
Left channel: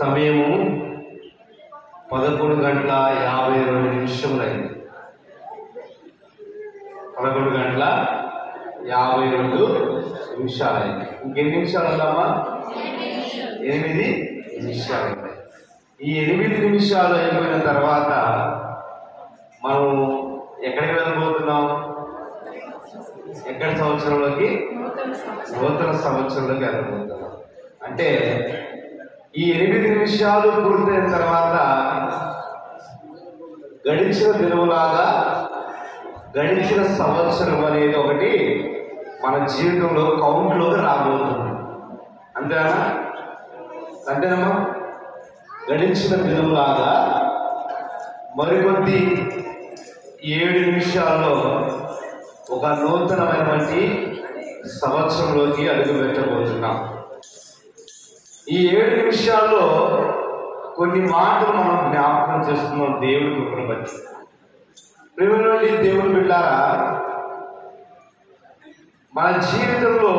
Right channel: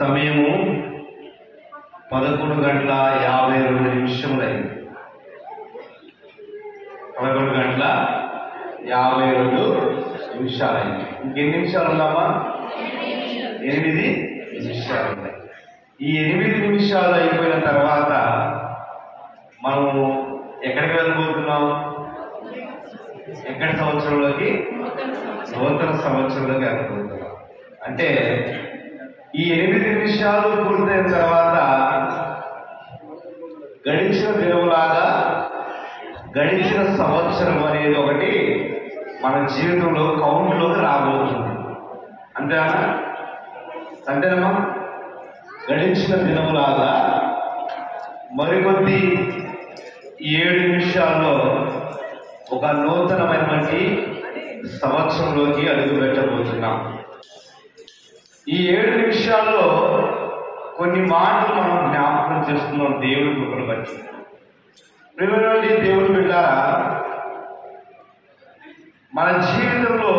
సమయము 11:52 అయింది. 11:52 అయింది. ఇంకెన్ని నిమిషాలు ఉందామా? 8 నిమిషాలు ఉన్నాయి. ఈ 8 నిమిషాలు అయిపోయిన తర్వాత మనం ఎక్కడికి వెళ్ళబోతున్నాం? ఎక్కడి సంవత్సరంలోకి? నూతన సంవత్సరంలోకి వెళ్ళబోతున్నాం. అంటే ఈ 8 నిమిషాలు పూర్తయిన తర్వాత గడిచిన దినములాగా గడిచిన సంవత్సరం అనేది ఒకటి మన జీవితంలో కౌంట్లోకి రాబోతుంది. అంతేనా? గడిచిన దినములాగా మరికొద్ది 7 నిమిషాల్లో ఒక నూతనమైనటువంటి సంవత్సరంలోకి అడుగు పెట్టబోతున్నాం. ఈ 7 నిమిషాల్లో కొన్ని మాటలు మనం జ్ఞాపకం చేస్తున్నాం దేవుడి కృపను బట్టి. ప్రియమైనటువంటి దేవుని బిడ్డలారా, మన జీవితంలో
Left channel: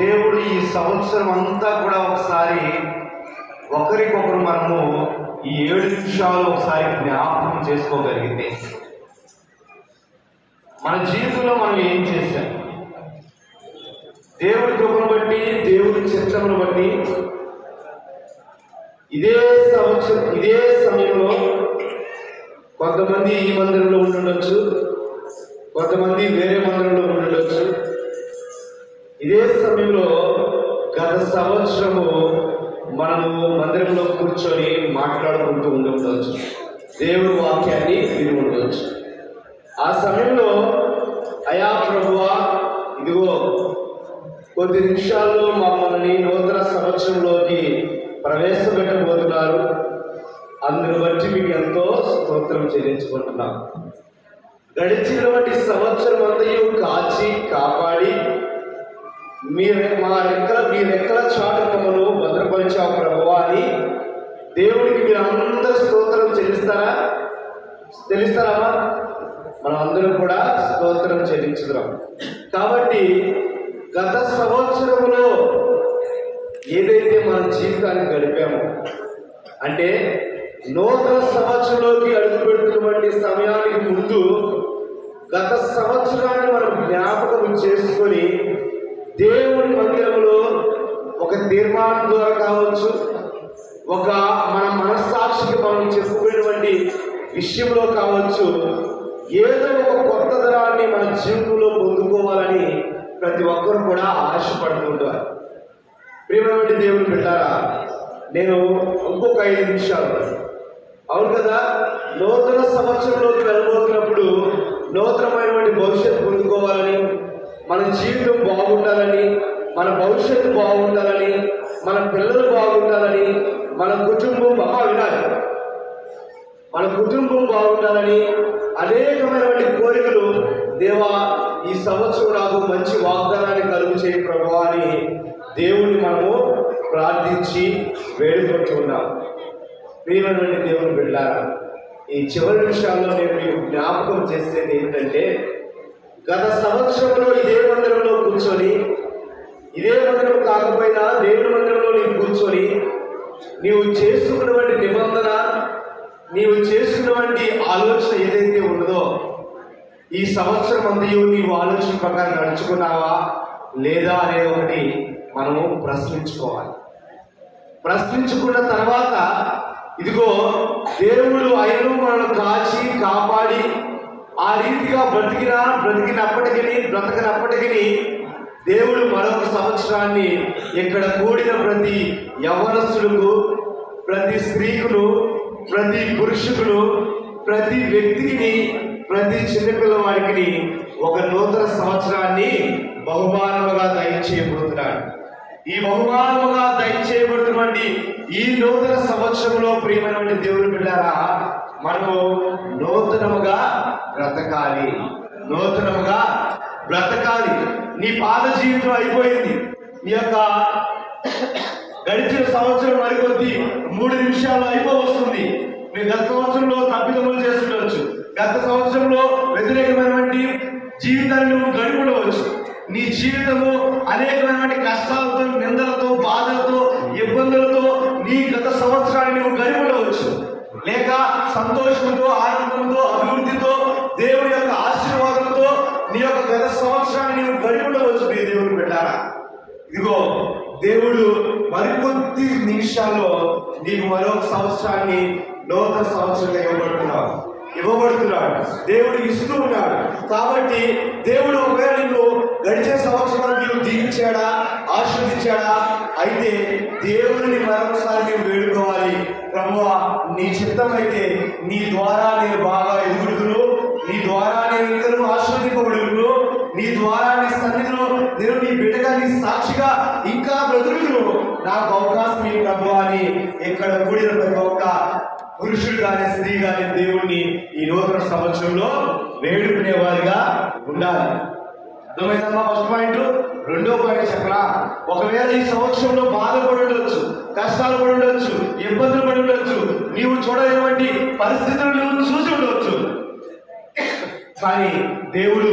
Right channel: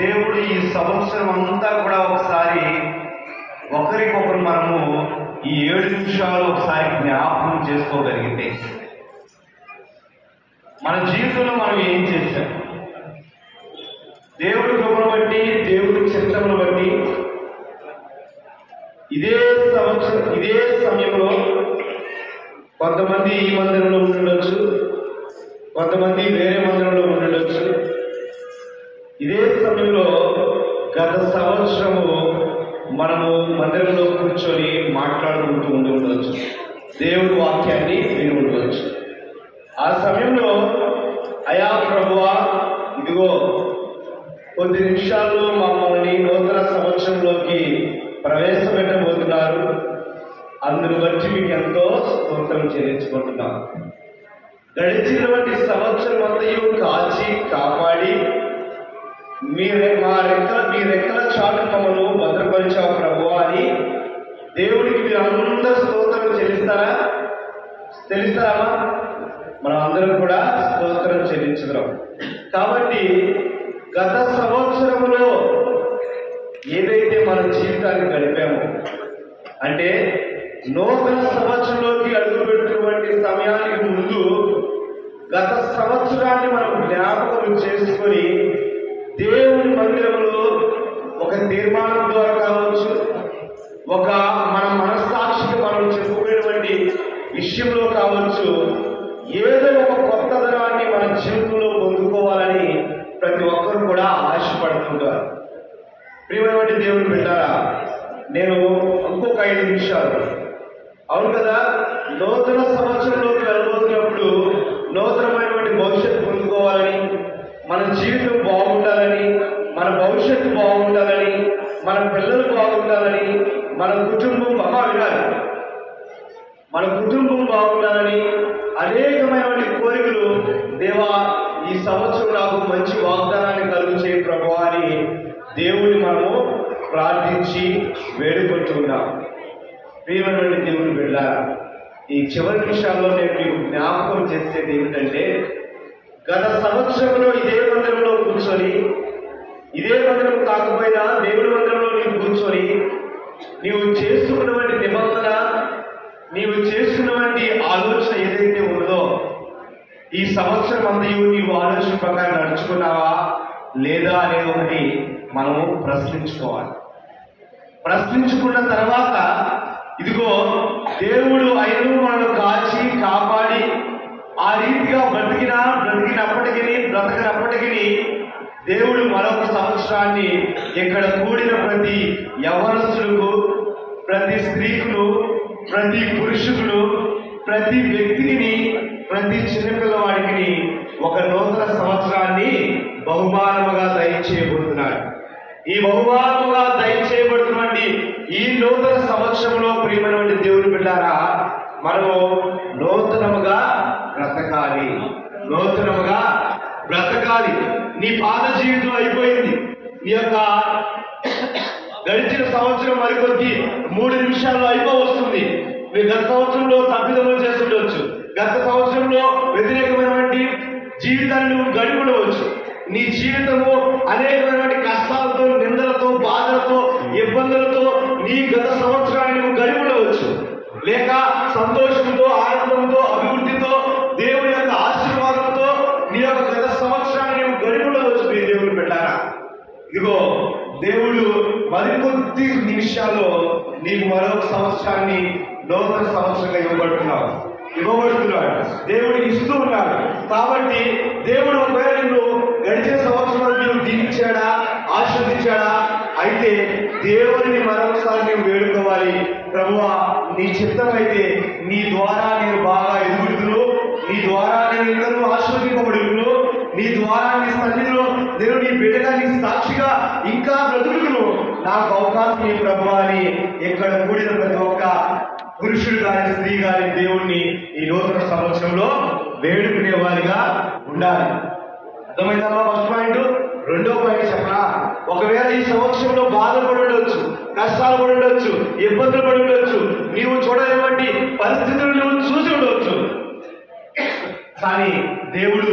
దేవుడు ఈ సంవత్సరం అంతా కూడా ఒకసారి ఒకరికొకరు మనము ఈ 7 నిమిషాలు ఒకసారి జ్ఞాపకం చేసుకోగలిగితే మన జీవితంలో మనం ఏం చేశాం, దేవుడి కృపను బట్టి, దేవుడి చిత్తమును బట్టి ఇదే సంవత్సరం ఇదే సమయంలో కొంతమంది ఈ మందిరంలో ఉండొచ్చు, కొంతమంది వేరే మందిరంలో ఉండొచ్చు. ఇదే సమయంలో గత సంవత్సరము మనము మందిరంలో కూర్చొని మాట్లాడుకుంటూ ఉండవచ్చు, దేవుడి వాక్యాన్ని విని ఉండవచ్చు. ఆ సమయంలో అయా ప్రభువా, ఇదిగో కొద్ది నిమిషాల్లో మమ్మల్ని నూతన సంవత్సరంలోకి ప్రవేశపెట్టబోతున్నారు, అందును బట్టి మీకు ఎంతో స్తోత్రం చెల్లించుకుంటున్నాం. గడిచినటువంటి సంవత్సరం అంతయు కాచి కాపాడి మీ రెక్కల చాటు మమ్మను భద్రపరిచావు ప్రభువా అని దేవుడికి మీరు అందరూ స్తోత్రం చెల్లిస్తారా? మనం అందరం కూడా స్తోత్రం చెల్లించుదాం. కాబట్టి గత సంవత్సరంలో ఏదైతే మన జీవితాన్ని గడిపామో, అంటే నూతన సంవత్సరంలోకి అడుగుపెట్టినటువంటి సమయానికి ముందు గత సంవత్సరాన్ని మనం జ్ఞాపకం చేసుకొని దేవుని మందిరంలో ఒక తీర్మానం ద్వారా కావచ్చు, ఒక మన మనస్సాక్షికి మనం చెప్పుకునేటువంటి విషయంలో కావచ్చు, ఏదో ఒక కొత్త ధనాన్ని మన జీవితంలో పొందుకోవాలని ప్రతి ఒక్కరు కూడా ఆశపడుతుంటారు. ప్రియమైనటువంటి దేవుని బిడ్డలారా, నేను ఇంకొక 5 నిమిషాలు, అవును కదా, నూతన సంవత్సరంలోకి వెళ్ళబోతున్నప్పుడు నూతనమైనటువంటి భవిష్యత్తు పొందుకోవాలని, మన జీవితం బాగుండాలని, మన భవిష్యత్తు బాగుండాలని, మన పిల్లలు బాగుండాలని, మన కుటుంబం వినాలి, మన కుటుంబం బాగుండాలని అనేకమైనటువంటి కోరికలు, దేవా ఈ సంవత్సరం నాకు మంచి వాగ్దానాన్ని కలుగు చేయ ప్రభువా అని దేవుడిని మనము ప్రార్థించి వేడుకుంటున్నాం. ప్రియమైనటువంటి దేవుని బిడ్డలారా, ఈ చివరి నిమిషాల్లో నేను మీకు జ్ఞాపకం చేసేది ఏంటంటే, గత సంవత్సరంలో ఇదే మందిరంలో కూర్చొని, ఇదే మందిరం కాకపోయినా దేవుడి మందిరంలో నీవు కూర్చొని నీవు చేసుకున్నటువంటి నిబంధన, నీవు చేసుకున్నటువంటి ఆలోచన ఏదైతే ఉన్నదో, ఈ సంవత్సరం అంతయు నీవు ఆలోచన ప్రకారం నడుచుకున్నావా లేదా అనేది ఒకటి మనము ప్రశ్నించుకోవాలి. ప్రశ్నించుకున్న తర్వాత ఇదిగో దేవుడు అయినను మనల్ని కాచి కాపాడి ఆ రీతిగా బ్రతకనప్పటికీ దేవుడు మరొక సంవత్సరాన్ని ఇక్కడ కూడిన ప్రతి యవ్వనస్తులకు, ప్రతి స్త్రీకులు, ప్రతి పురుషులు, ప్రతి వ్యక్తికి, ప్రతి చిన్నపిల్లవాడికి ఒక నూతన సంవత్సరాన్ని బహుమానముగా దయచేయబోతున్నాడు. ఈ బహుమానముగా దయచేయబడుతున్నటువంటి ఈ నూతన సంవత్సరంలో ప్రియమైనటువంటి దేవుని బిడ్డలారా, మనము నూతనముగా బ్రతకాలి. నీ పాత జీవితం అయిపోయింది, నీ యొక్క గడిచిన సంవత్సరం మరికొద్ది 3 నిమిషాల్లో అయిపోవస్తుంది. మీరు గత సంవత్సరంలో తప్పిదములు చేస్తుండవచ్చు, గత సంవత్సరంలో వ్యతిరేకమైనటువంటి జీవితాన్ని నువ్వు గడిపడవచ్చు. నీ జీవితము అనేకమైనటువంటి కష్టాలతో, నిందలతో, బాధలతో, ఇబ్బందులతో నీ గత సంవత్సరాన్ని నువ్వు గడిపడవచ్చు. లేక సంతోషంతో, ఆనందంతో, అభివృద్ధితో, దేవుని యొక్క ఆశీర్వాదంతో నీ యొక్క గత సంవత్సరాన్ని నువ్వు గడిపడవచ్చు. నీ దేవుని పెట్టారా, ఇదిగో దేవుడు మరికొద్ది నిమిషాల్లో నీకు మరొక సంవత్సరాన్ని నూతన సంవత్సరంగా ఇవ్వబడుతున్నాడు. దేవుడు ఇస్తూ ఉన్నాడు. కాబట్టి దేవుడు ఒకవేళ నిన్ను గడిచిన సంవత్సరాలు నీవు దీవించాడా, ఆశీర్వదించాడా, అయితే దేవుడిని మరొకసారి నీవు వేడుకోవాలి. ప్రభువా, నీ చిత్తమైతే నీ ద్వారా నేను బాగా ఎదుగుతును, నీ ద్వారా నేను ఇంకా ఆశీర్వదింపబడును, నీ ద్వారా నీ సన్నిధిలో నేను నీ బిడ్డగా, నీ సాక్షిగా ఇంకా బ్రతుకును, నాకు అవకాశం ఈ ప్రభువా అని ఇక్కడ కూడిన ప్రతి ఒక్క పురుషుడు కానీ స్త్రీ కానీ దేవుణ్ణి ఈ నూతన సంవత్సరంలో వేడుకునే వారిగా ఉండాలి. అర్థమైందమ్మా? First point. రెండో పాయింట్ చెప్పరా, ఒకవేళ ఈ సంవత్సరంలో బాధపడి ఉండొచ్చు, కష్టాలు పడి ఉండొచ్చు, ఇబ్బందులు పడి ఉండొచ్చు, నీవు చూడలేనటువంటి పరిస్థితులు నువ్వు చూసి ఉండవచ్చు. కానీ దేవుడు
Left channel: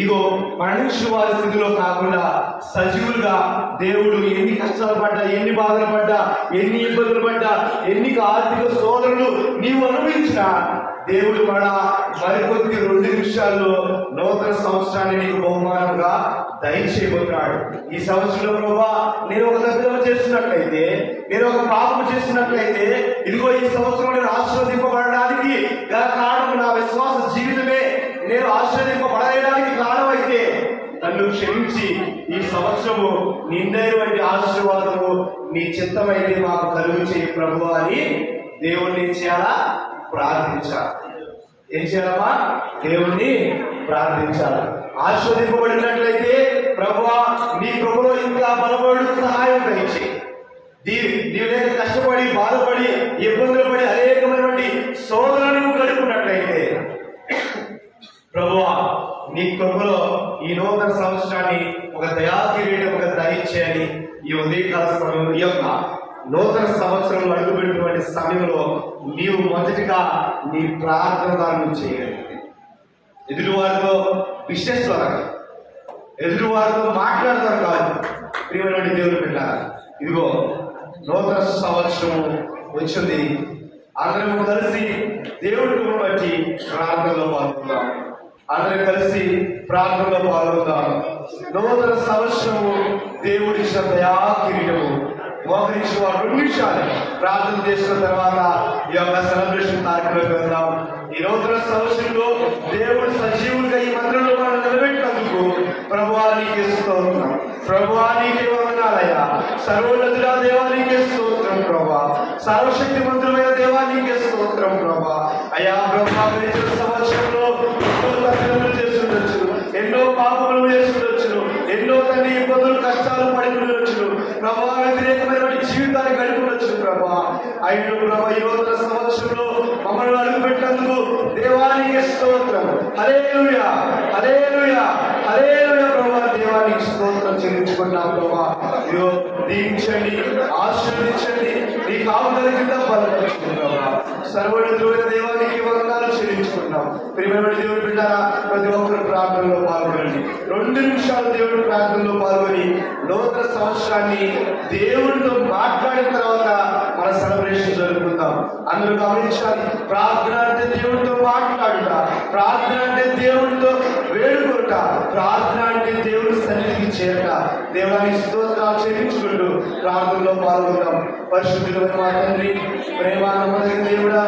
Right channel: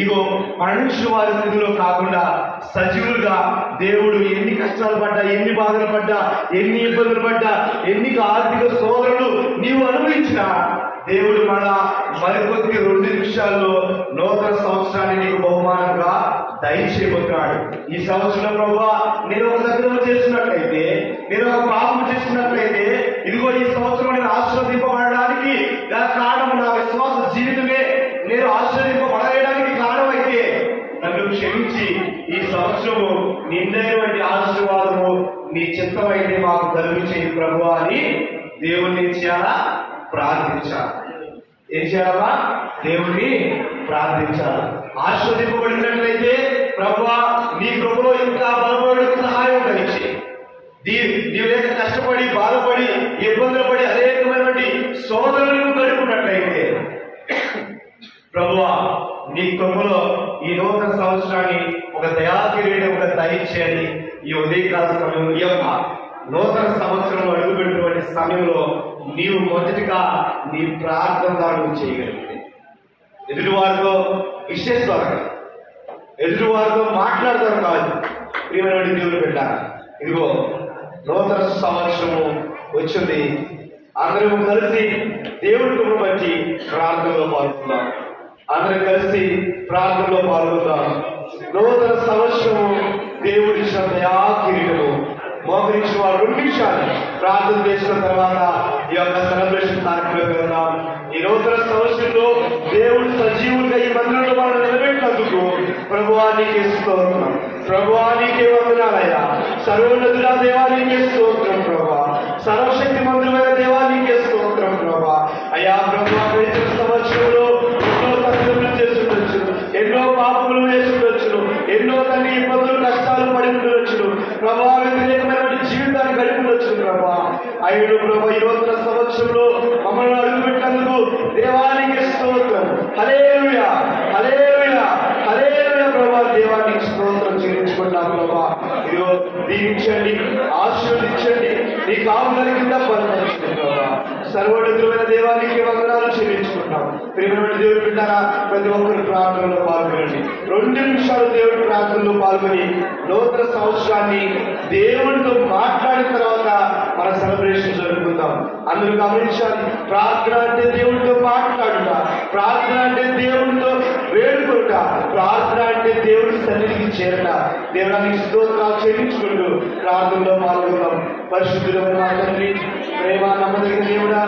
ఇగో మరణించిన వారి స్థితిలో కాకుండా సజీవులుగా దేవుడు ఎన్ని కష్టాలు పడ్డా, ఎన్ని బాధలు పడ్డా, ఎన్ని ఇబ్బందులు పడ్డా, ఎన్ని ఆర్థిక శోధనలు నీవు అనుభవించినా దేవుడు మరికొద్ది 2 నిమిషాల్లో నూతన సంవత్సరాన్ని నీకు బహుమానంగా దయచేయబోతున్నాడు. ఈ సంవత్సరంలో ప్రభువా నేను ఒక తప్పిదం చేస్తున్నట్లయితే, నేను ఒక పాపం చేస్తున్నట్లయితే, ఇదిగో ఈ సంవత్సరం నేను ఆశీర్వదింపబడడానికి గల కారణం నా విశ్వాస జీవితమే నేను ఆశీర్వదింపబడడానికి కారణమైతే నన్ను క్షమించి ఈ సంవత్సరము నిన్నైనటువంటి ఆశీర్వాదము నీ చిత్తమైతే మాకు కలుగు చేయి ప్రభువా అని దేవుణ్ణి చేయాలా? ప్రార్థించాలి. ఏం చేయాలమ్మా? దేవుణ్ణి ప్రార్థించాలి. ఆశీర్వదింపబడినట్లయితే ప్రభువా నీ కృపలో ఇంకా బలపడు సహాయం దయచి, నీవు లేక కష్టపడి బాధపడి ఇబ్బందులు పడి అనేకమైనటువంటి శోధనలు గడుపున్నట్లయితే ప్రభువా నీ కృపలో ఈ నూతన సంవత్సరాన్ని ఒక దయాకిరీటం ఒక దయచేయని ఈ ఉదయకాల సమయంలో, ఈ యొక్క నూతన సంవత్సరంలో అడుగుపెట్టినటువంటి సమయంలో నీవు మొదటిగా నీ ప్రార్థన దానం చేయగలిగితే, ఎదుటివారితో విశేషాలు ఎదుటివారితో మాట్లాడతాం కాదు. ప్రియమైన దేవుడు బిడ్డ, ఇదిగో నూతన సంవత్సరము వచ్చింది. అందరం కలిసి దేవుడిని బట్టి ప్రార్థనలో పాల్గొందాం. అందరం కలిసి ప్రార్థనలో పాల్గొందాం. నూతన సంవత్సరము దేవుడి దయాకిరీటము మోకరించిన వారు 2 నిమిషాలు ప్రార్థన చేసిన తర్వాత ఈ యొక్క సెలబ్రేషన్ కార్యక్రమం వెళ్దాం. ఈ నూతన సంవత్సరంలో దేవుడు సజీవులుగా ఈ మందిరంలో మనం నిలబెట్టినందుకు ప్రభువానికి స్తోత్రం, ప్రభువానికి వందనాలయ్యా. సర్వోన్నతుల దేవానికి స్తోత్రం ప్రభా, సర్వశక్తి మంత్రులైన దేవానికి స్తోత్రం ప్రభా. అయ్యా ప్రభా గడిచిన సంవత్సరంలో ఎన్నో తప్పులు చేసి ఉండొచ్చు, ఎన్నో పాపములు చేసి ఉండొచ్చు, ఎన్నో తల్లి ఇబ్బందులు కష్టాలు పడి ఉండొచ్చు ప్రభా, వ్యతిరేకమైనటువంటి జీవితాన్ని గడిపి ఉండొచ్చు ప్రభా. అయిన ప్రభా ఈ నూతన సంవత్సరంలో మమ్మల్ని అడుగుపెట్టినందుకు దేవానికి స్తోత్రం. హల్లెలూయా, హల్లెలూయా, హల్లెలూయా ప్రభా. దేవానికి స్తోత్రం చెల్లించుకున్నాం ప్రభా. ఇదిగో దీవించండి, ఆశీర్వదించండి, నీ కాపుదల కింద బలపరచుకుంటాం ప్రభా. సర్వోన్నతులైన దేవానికి వందనాలు చెల్లించుకుంటాం. ప్రియమైన దేవుడి బిడ్డలారా, ప్రతి ఒక్కరు ప్రార్థనలో పాల్గొనండి. 2 నిమిషాలు దేవుడి ప్రార్థనలో పాల్గొని నూతన సంవత్సరాన్ని దేవుడితో మాట్లాడిన తర్వాత మన సెలబ్రేషన్ జరుపుకుందాం. అందరూ గమనించాలి, ప్రార్థన అంటే దేవుడితో మాట్లాడుట, ప్రార్థన అంటే దేవుడితో వేడుకొనుట, ప్రార్థన అంటే దేవుడి సన్నిధికి చేరట. దేవుడానికి స్తోత్రాలు చెల్లించుకుంటూ ప్రార్థనలో పాల్గొందాం. పరిశుద్ధులైన మా తండ్రి, ప్రేమ నమ్మదగిన దేవుడా,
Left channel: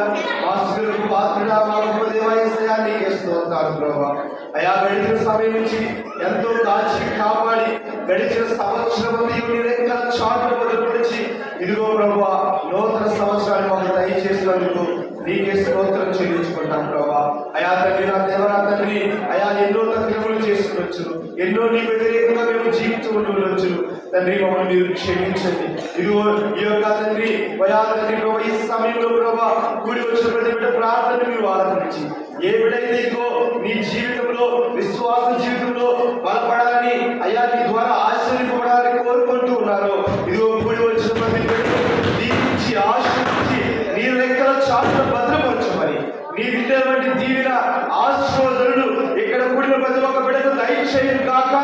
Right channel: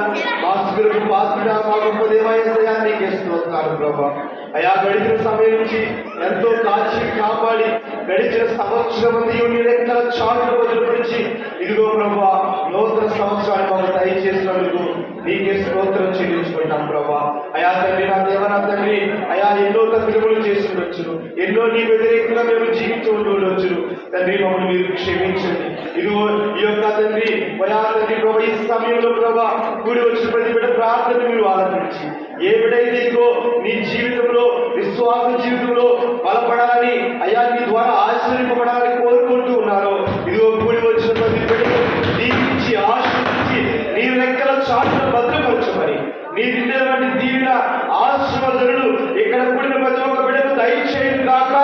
వాసులకు పాత్రుడా, మా గొప్ప దేవాయసయా నీకే స్తోత్రాలు ప్రభా. అయా గడిచిన సమయం నుంచి ఎంతో కాచి కాపాడి గడిచిన సంవత్సరం నీ లెక్కల చాటు వదిలిపించి ఇదిగో ప్రభా నూతన సంవత్సరాన్ని మాకు దయచేసినందుకు నీకే స్తోత్రం చెల్లించుకుంటాం ప్రభా. అయా తండ్రి, నా దేవ, నా తండ్రి, అయా ఎన్నో తప్పిదములు చేసి ఉండొచ్చు, ఎన్నో నీ వ్యతిరేకంగా మేము జీవిస్తూ ఉండవచ్చు తండ్రి. మమ్మల్ని మీరు క్షమించండి. ఇదిగో ఈ యొక్క తండ్రి అయా తండ్రి ప్రభా ఈ సమయంలో ప్రభా కూడి వచ్చిన ప్రతి బిడ్డ ప్రార్థన మీరు ఆలకించి ఏ బిడ్డైతే ఇదిగో నీ జీవితంలో విశ్వాస జీవితంలో బలపడాలని అయా నీ ద్వారా ఆశ్చర్యపడాలని కోరుకుంటూ ఉన్నారో ఇదిగో కూడి వచ్చిన ప్రతి బిడ్డను దీవించి ఆశీర్వదించి నీ రెక్కల చాటును భద్రపరచమని నీ విద్యటువంటి దీవెన ఆశీర్వాదాలు ఇక్కడ కూడిన ప్రతి ఒక్క బిడ్డను దయచేయును గాక.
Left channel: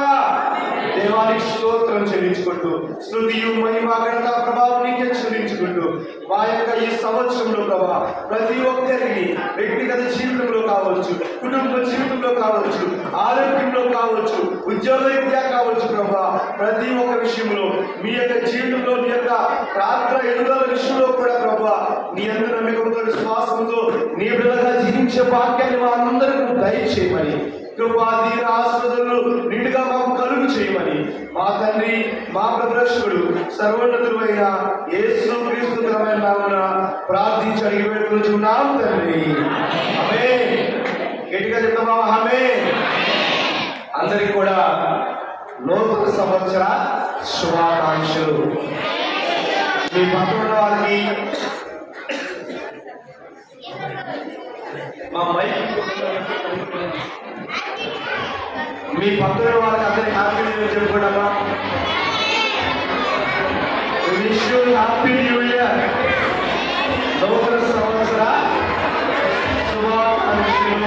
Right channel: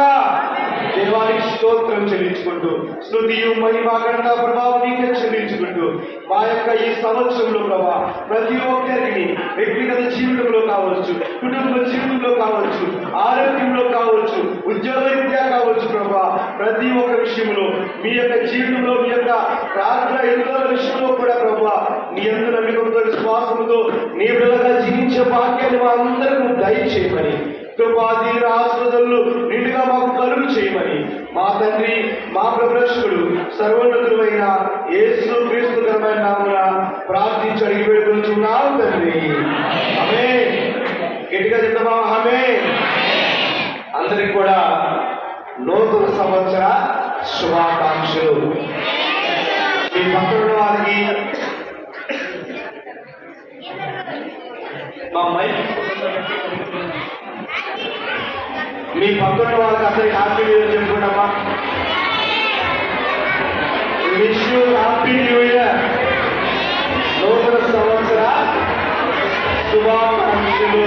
దేవానికి స్తోత్రం చెల్లించుకుంటూ స్తుతియు మహిమ ఘనత ప్రభావం నీకే చెల్లించుకుంటూ మా యొక్క ఈ సంవత్సరంలో ప్రభా ప్రతి ఒక్కరిని వ్యక్తిగత జీవితంలో కావచ్చు, కుటుంబ జీవితంలో కావచ్చు, ఆరోగ్యంలో కావచ్చు, ఉద్యోగరీత్యా కావచ్చు ప్రభా ప్రతి ఒక్క విషయంలో మీ యొక్క జీవితంలో మీ యొక్క ప్రార్థన ఎదుగుదల విషయంలో కూడా ప్రభా నీ యందు నమ్మకంతో విశ్వాసంతో నీ బిడ్డలుగా జీవించే భాగ్యాన్ని మా అందరికీ దయచేయమని కృపా దీవెన ఆశీర్వాదాలు నిండుగా మాకు కలుగు చేయమని మా తండ్రి మా ప్రభురక్షకుడు సర్వోన్నతుడైన యేసు క్రీస్తు నామమున ప్రార్థించి అడిగి పెట్టుకుంటున్నాం తండ్రి. ఆమేన్. గట్టిగా చెప్తామా? ఆమేన్. అందరికి కూడా నూతన సంవత్సర శుభాకాంక్షలు. మీ పక్కన వారికి మా మైక్ మీ పక్కన వాళ్ళందరికీ హ్యాపీ న్యూ ఇయర్ చెప్పుకుంటామా? Wish you happy new year. నూతన సంవత్సర శుభాకాంక్షలు.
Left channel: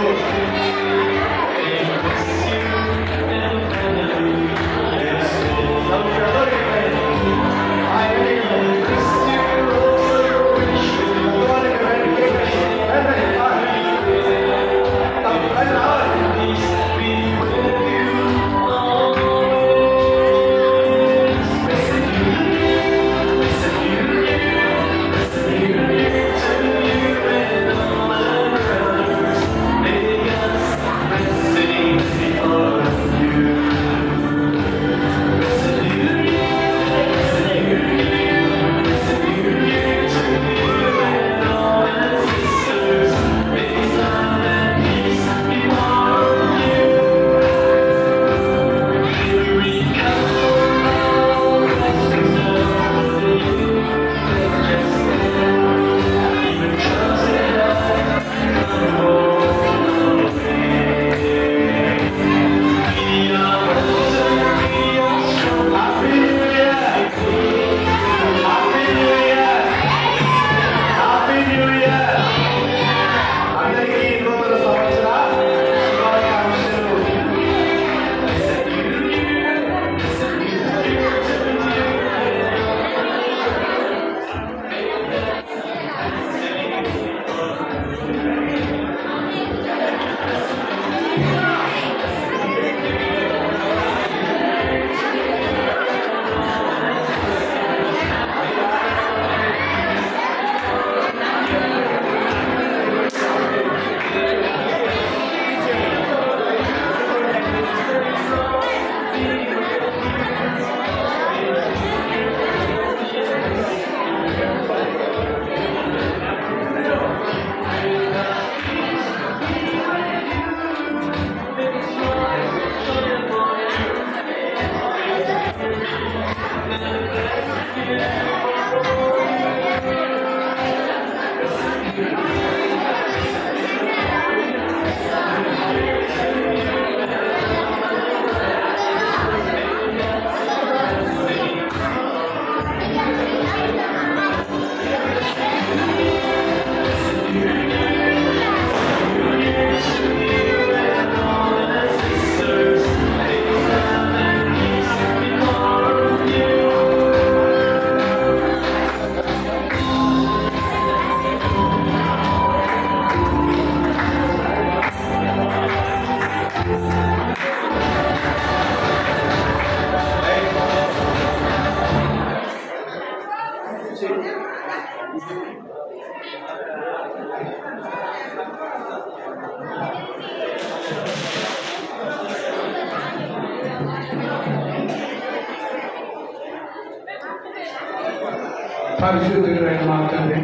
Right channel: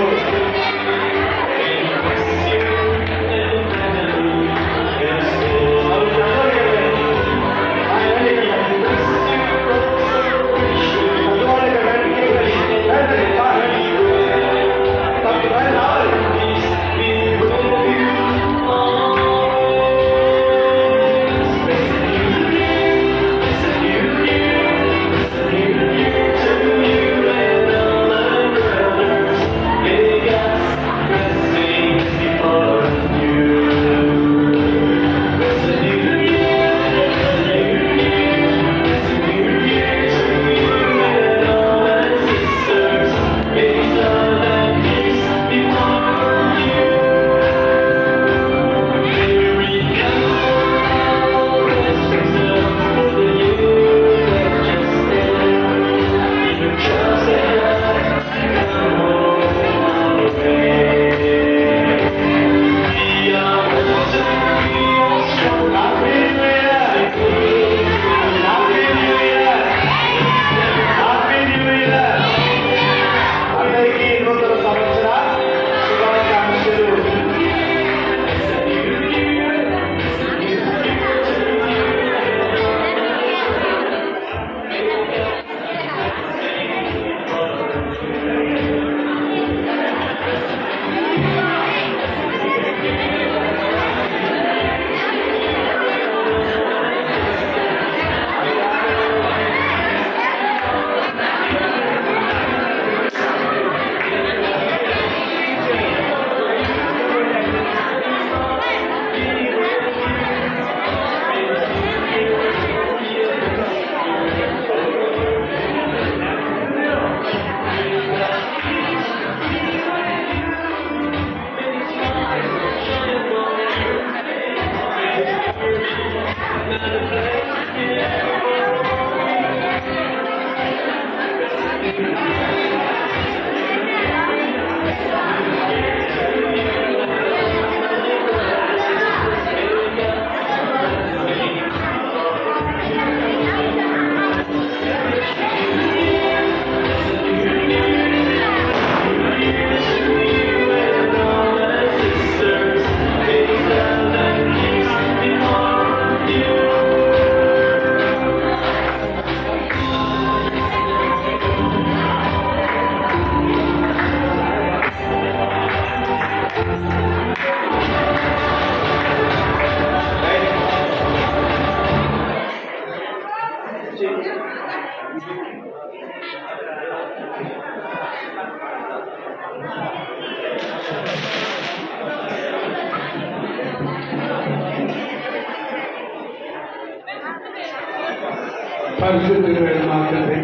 పరిశుద్ధుడైన మా తండ్రి,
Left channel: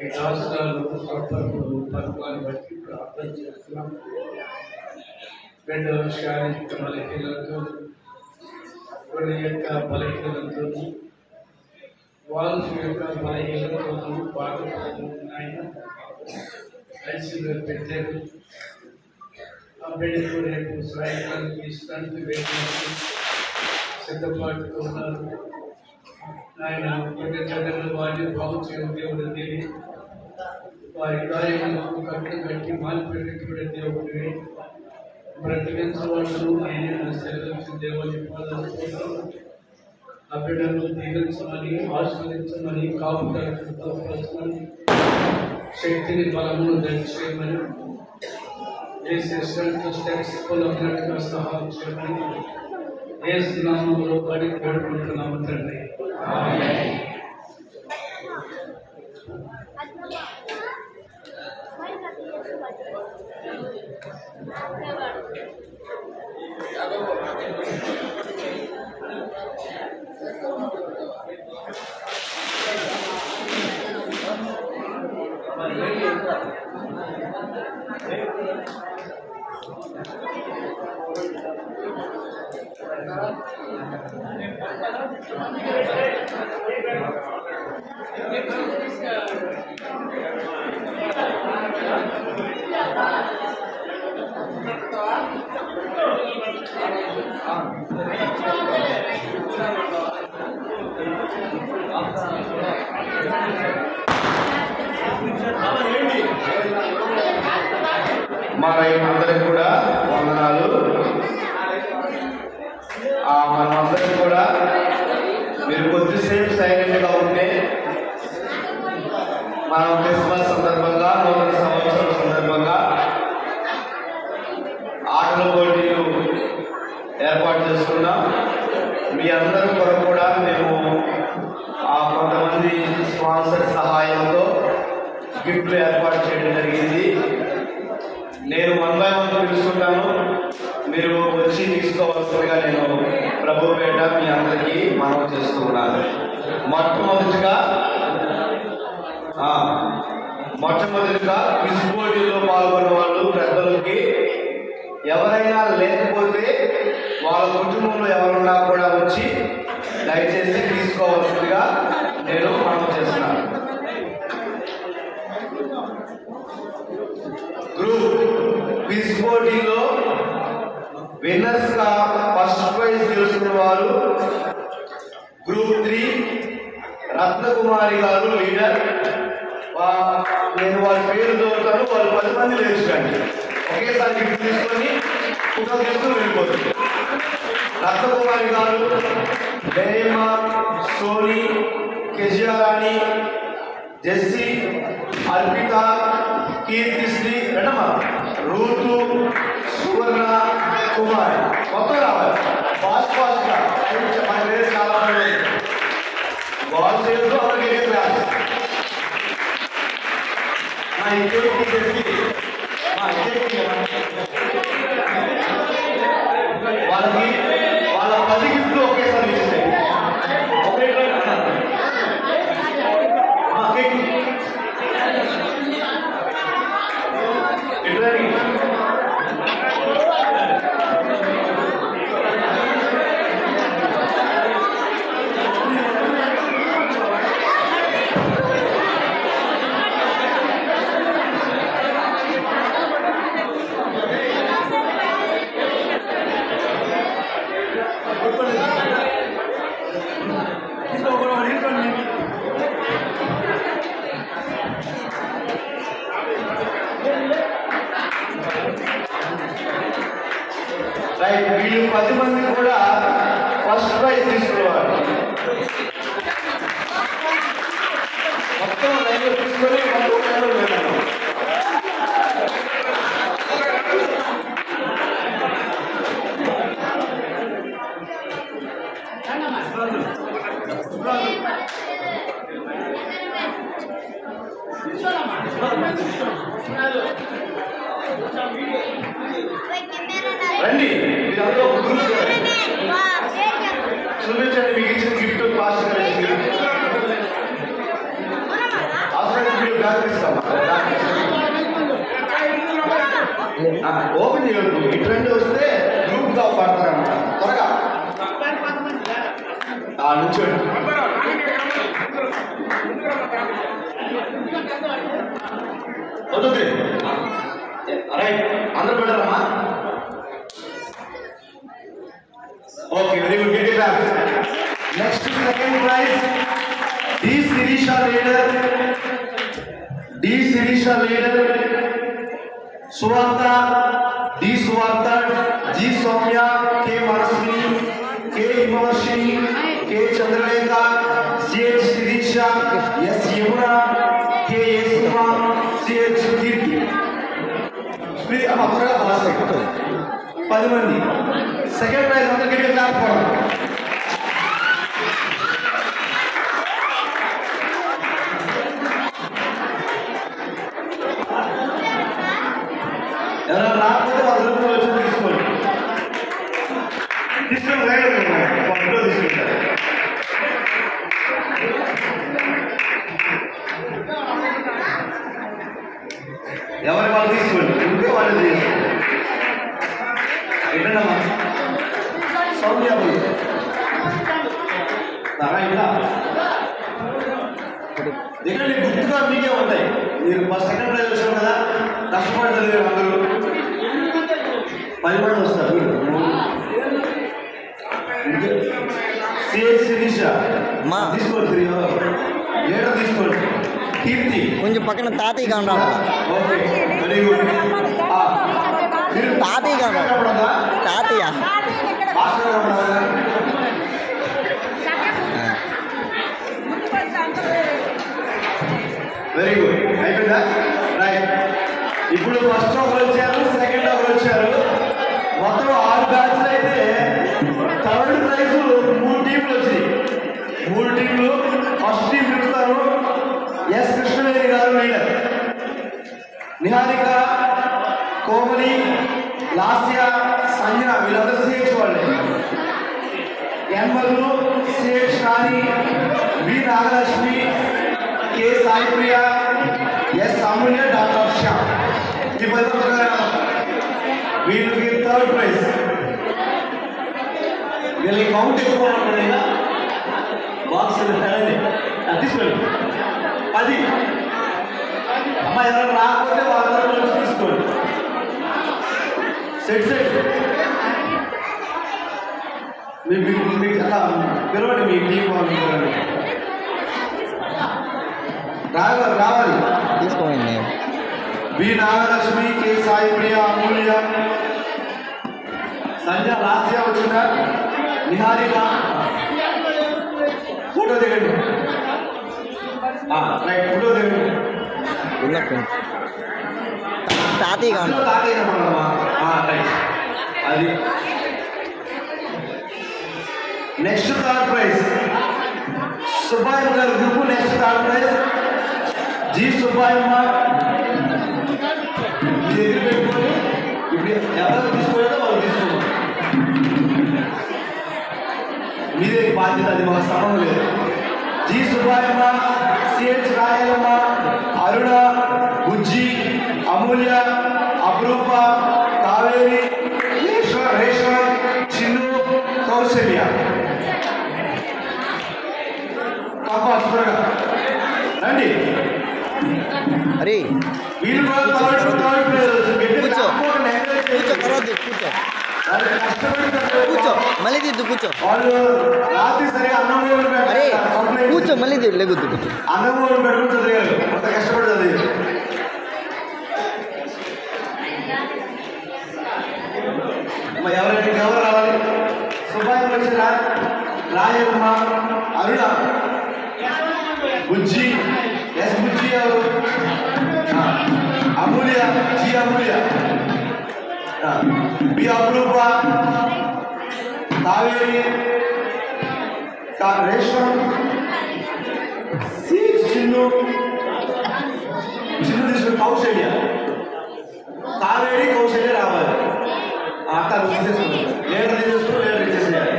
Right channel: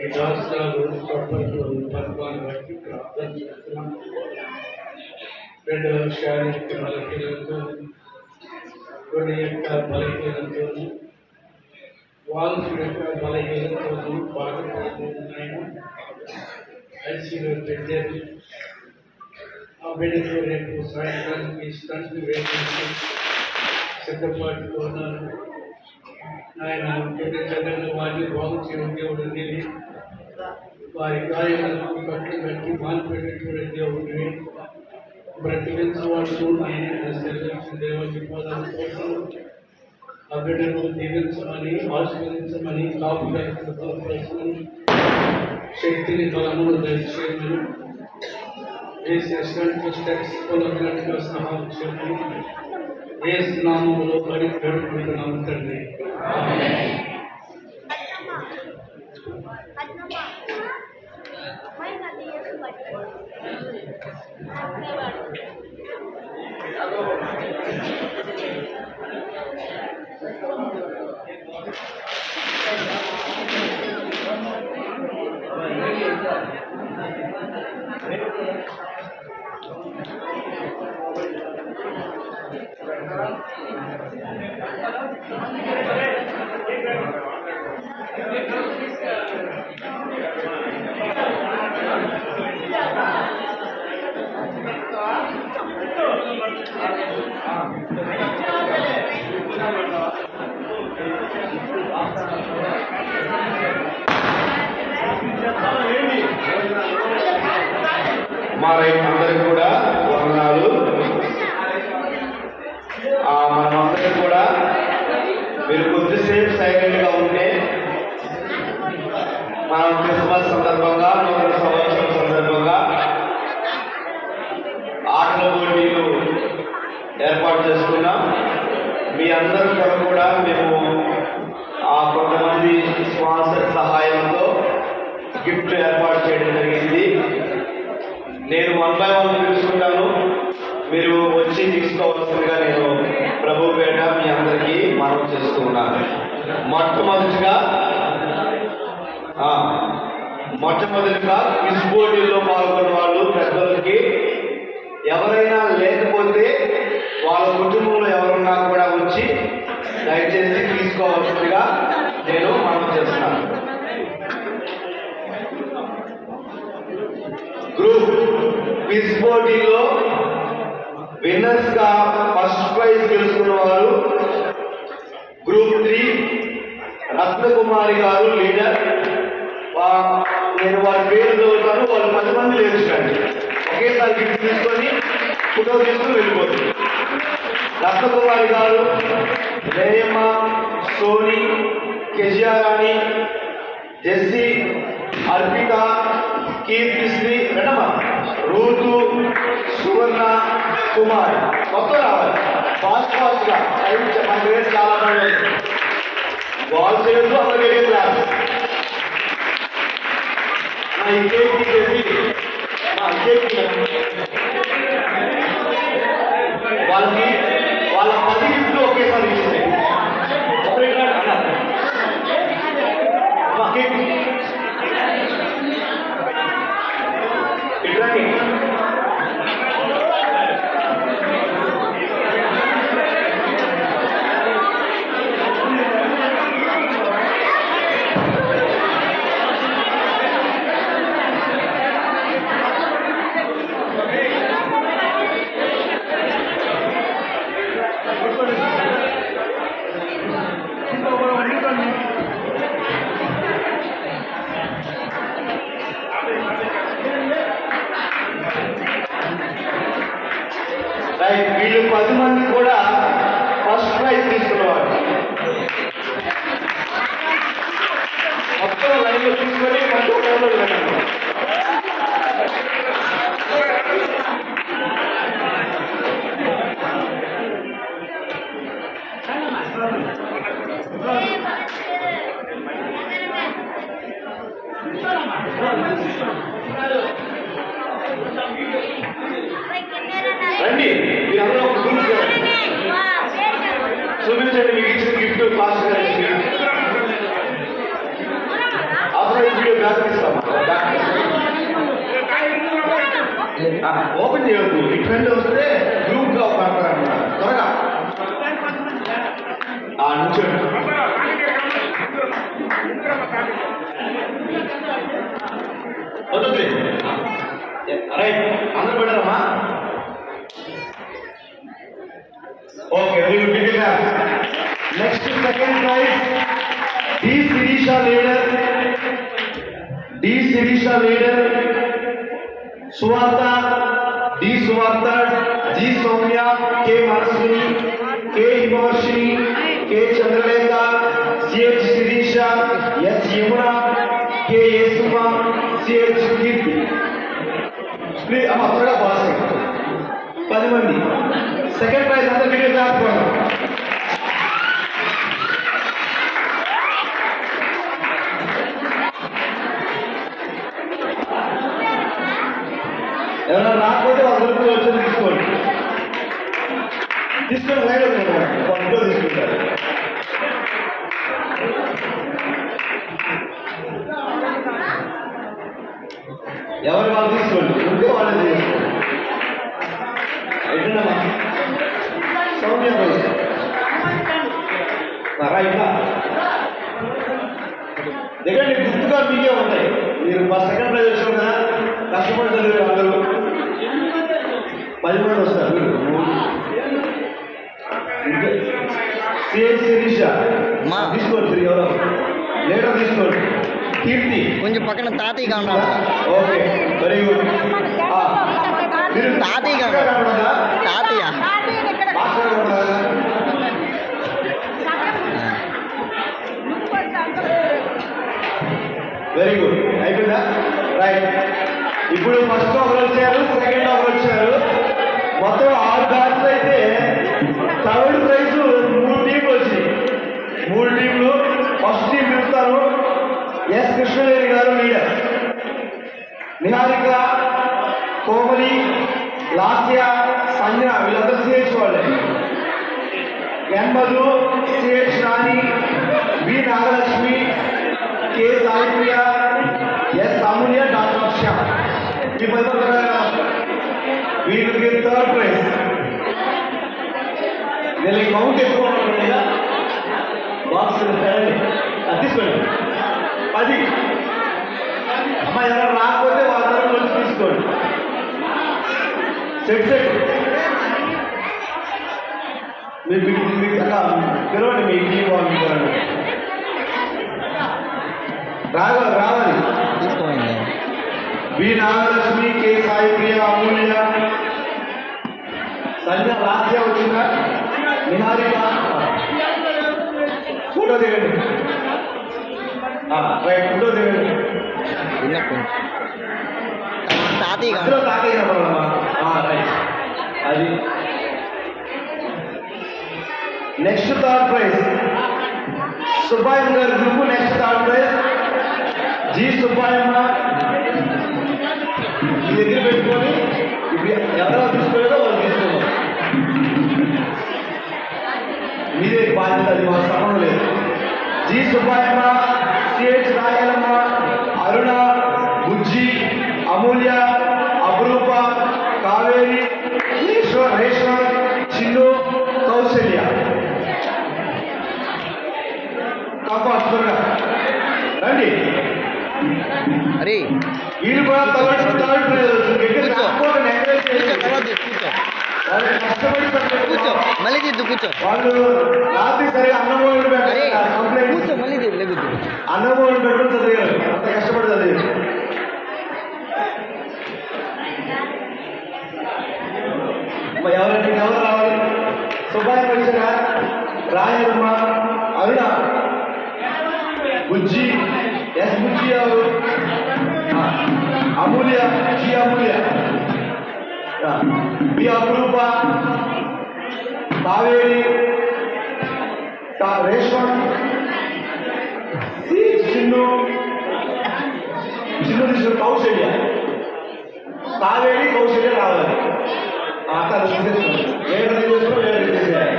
ఈ రాష్ట్రాలు పథకాన్ని బట్టి ప్రార్థన చేస్తున్నాం. రెండవ శారీరక బలహీనతతో, కొన్ని యొక్క బలహీనతతో, వాల్స్ యొక్క బలహీనతతో బాధపడుతున్నాయి. ఐసీలో పెట్టారు. ఆ బిడ్డకు రేపు సాయంకాలం స్టంట్ వేసి సిద్ధపాటుతో ఉన్నారు. ఆయన కొన్ని చదువులు వారిని బాగు చేయడం దేవుడిని, వారి కార్యక్రమాలను కట్లు కట్టి మాల్పెట్టేటువంటి దేవుడిని, బ్రతికించవాళ్ళు ఆయన సెలవించిన దేవుని పదాలు కోసం ఆ బిడ్డను దీవించమని, ఆశీర్వదించమని, కాపుదలకు బలపరచమని, శక్తిని బలమును దయచేయమని, స్టెప్స్ పొలగా సహాయం చేయమని యేసు నామములో పడి వేడుకుంటున్నాము తండ్రి. స్పాన్సర్ సహాయంతో గిఫ్ట్ ఏర్పాటు చేయడం జరిగింది. నేను 1 by 1 పిలుచుకుంటాను, మీరు వచ్చి తీసుకోవాల్సిందిగా నేను ప్రభు పేట మీ అందరికీ మనవి చేస్తున్నాను. మొట్టమొదటిగా క్విజ్ పోటీలో పాల్గొన్న వాళ్ళు పెద్దలకి ఎవరైనా లేకపోతే వాళ్ళ కుటుంబంలో ఎవరున్నా కూడా వచ్చి దయచేసి తీసుకోవాల్సిందిగా నేను మనవి చేస్తున్నాను. గ్రూప్ క్విజ్ పోటీలో విన్నర్స్ గా ఫస్ట్ ప్రైజ్ గెలుచుకున్న వారు గ్రూప్ 3 రత్నకుమారి గారు లీడర్. నేను వారి పేరు చదువుతాను, వాళ్ళు 10 మంది లేచుకోండి. ఒకేసారి గిఫ్ట్ తీసుకొని ఫోటో తీసుకుని వెళ్ళిపోతుంది. రత్నకుమారి గారు, జయమ్మ, సోని, కెజియారాణి, జెస్సీ, అర్పిత, కీర్తిశ్రీ, మేడమ, రూతు, సువర్ణ, కుమార్. మొత్తం రావాలి ఫాస్ట్ గా చాలా మంది బాల్ చేయడంతో అక్కడికి క్లాస్ వాళ్ళకి వాళ్ళ 10 గిఫ్ట్లు ఒకేసారి ఇచ్చేసాయి. వీళ్ళు 10 మంది కూడా ఫస్ట్ ప్రైజ్ తీసుకున్నారు. మొత్తం లైన్లో తీసుకొని రండి, మీరందరూ ఒక గ్రూప్ చూపించండి మీకు ఇచ్చిన గిఫ్ట్ పాస్ ఓపెన్ చేయొద్దు. ఈ ట్రెండ్ వస్తే గ్రూప్ గా పడతారన్నమాట. త్వరగా నుంచి రైట్, అందరూ పెడతారమ్మా. Okay, very good. Next second prize D Shirisha leader, Suvartha, D Suvartha, G Soumya, K Manaswini, K Himavarshini, K Chandralekha, CH Shirisha, S Yamuna, K Yesuma, CH Keerthi. 10 మంది. సెకండ్ ప్రైజ్ అందరికీ ఎవరైనా రాకపోతే వాళ్ళ గ్రూప్లో వచ్చి తీసుకోండి. తీసుకుని లైన్ ఇంట్లో తీసుకుంటారు. ఎవరి వాళ్ళు తీసుకోండి, ఇంకో వాళ్ళు తీసుకోండి. ఏంటమ్మా సౌమ్య దగ్గర గుర్తుగా మీకే ఉంటాయి. మీరు ఫస్ట్ సెకండ్ ప్రైజ్ వచ్చారు కదా, కష్టపడతారు అందరూ. 10 మంది వస్తారు. సిహెచ్ శిరీష తీసుకోండి, లీడర్ తీసుకోండి. కీర్తి కొంచెం పక్కన తాతయ్య కాండా. Okay, very good. తాతయ్య కాండా, తాతయ్య వెరీ గుడ్. అయిపోయిందా? రైట్. ఇప్పుడు ఫస్ట్ ఒకరు వచ్చారు, సెకండ్ ఒకరు వచ్చారు. మొత్తం 6 బ్యాచ్లు అయితే థర్డ్ ప్రైజ్ 3 టీంలు వచ్చినాయి. 3 టీంలు. ఫస్ట్ టీం పిలుస్తారు, ఎస్ కృష్ణవేణి గారు లీడర్, నిహారిక, కోమలి, లాస్య, సంజన వీళ్ళందరూ సిహెచ్ వాళ్ళే. ఎన్మధు, సిహెచ్ రాణి, వి నాగలక్ష్మి, కె సాయిప్రియ, ఎస్ అమూల్య, డాక్టర్ శ్యామ్. ఈ 10 ప్రకారం వీళ్ళకి 3rd ప్రైజ్. వీళ్ళకి కౌంట్ ఎక్కువ ఉంటుంది, బాక్స్ తీసుకోండి. అది అమ్మ ఎవరు రాకపోతే వాళ్ళందరూ కొంచెం తీసుకోండి. సెట్ మీకు పిలవండి మీ టీం వాళ్ళు రావాలి. తీసుకోండి. వి నాగలక్ష్మి, కె సాయిప్రియ, అమూల్య, సంజన, లాస్య వచ్చిందా, నిహారిక ఫోటో దిగండి. రైట్, ఫోటో దిగండి. తాతయ్య అది నెక్స్ట్ 3rd ప్రైజ్ సుబ్బాయమ్మ గారి group. Next 3rd prize G Subbayamma. మీ దగ్గర పెట్టుకొని ఇప్పుడు ఎవరు తీసుకోలేదో వాళ్ళు తీసుకోవాలి. మీదే బాధ్యత, అది వాళ్ళ సంబంధం లేదు. జి సుబ్బాయమ్మ, సిహెచ్ రాయలమ్మ, అరుణ, బుజ్జి, అమూల్య, అపురూప, కావేరి, రేష్మ, చిన్ను, కౌశల్య. రండి. అరే వీళ్ళు కూడా కూర్చో, తర్వాత కూర్చో, కూర్చో, మళ్ళీ దిద్దు, కూర్చో. వాళ్ళు రాత్రి సరిగా అన్నం అరే కూర్చో, మళ్ళీ లెగుద్దు. అన్నం పెట్టుకుని చదివారు, అంత కష్టపడి చదివారు. ఎవరైనా ఎవరు రావాలి? సుబ్బాయి వచ్చారా? రాయమ్మ, అరుణ, బుజ్జి, ఎస్ బుజ్జి గారు, అమూల్య, జి అమూల్య, బి అపురూప, కావేరి, రేష్మ, సి చిన్ను, తీసుకుని కౌశల్య, కావేరి, కౌశల్య రావాలి. అక్కడ తీసేసుకుంటాం, లేదా తీసేసుకుని లేదా తీసేయాలి.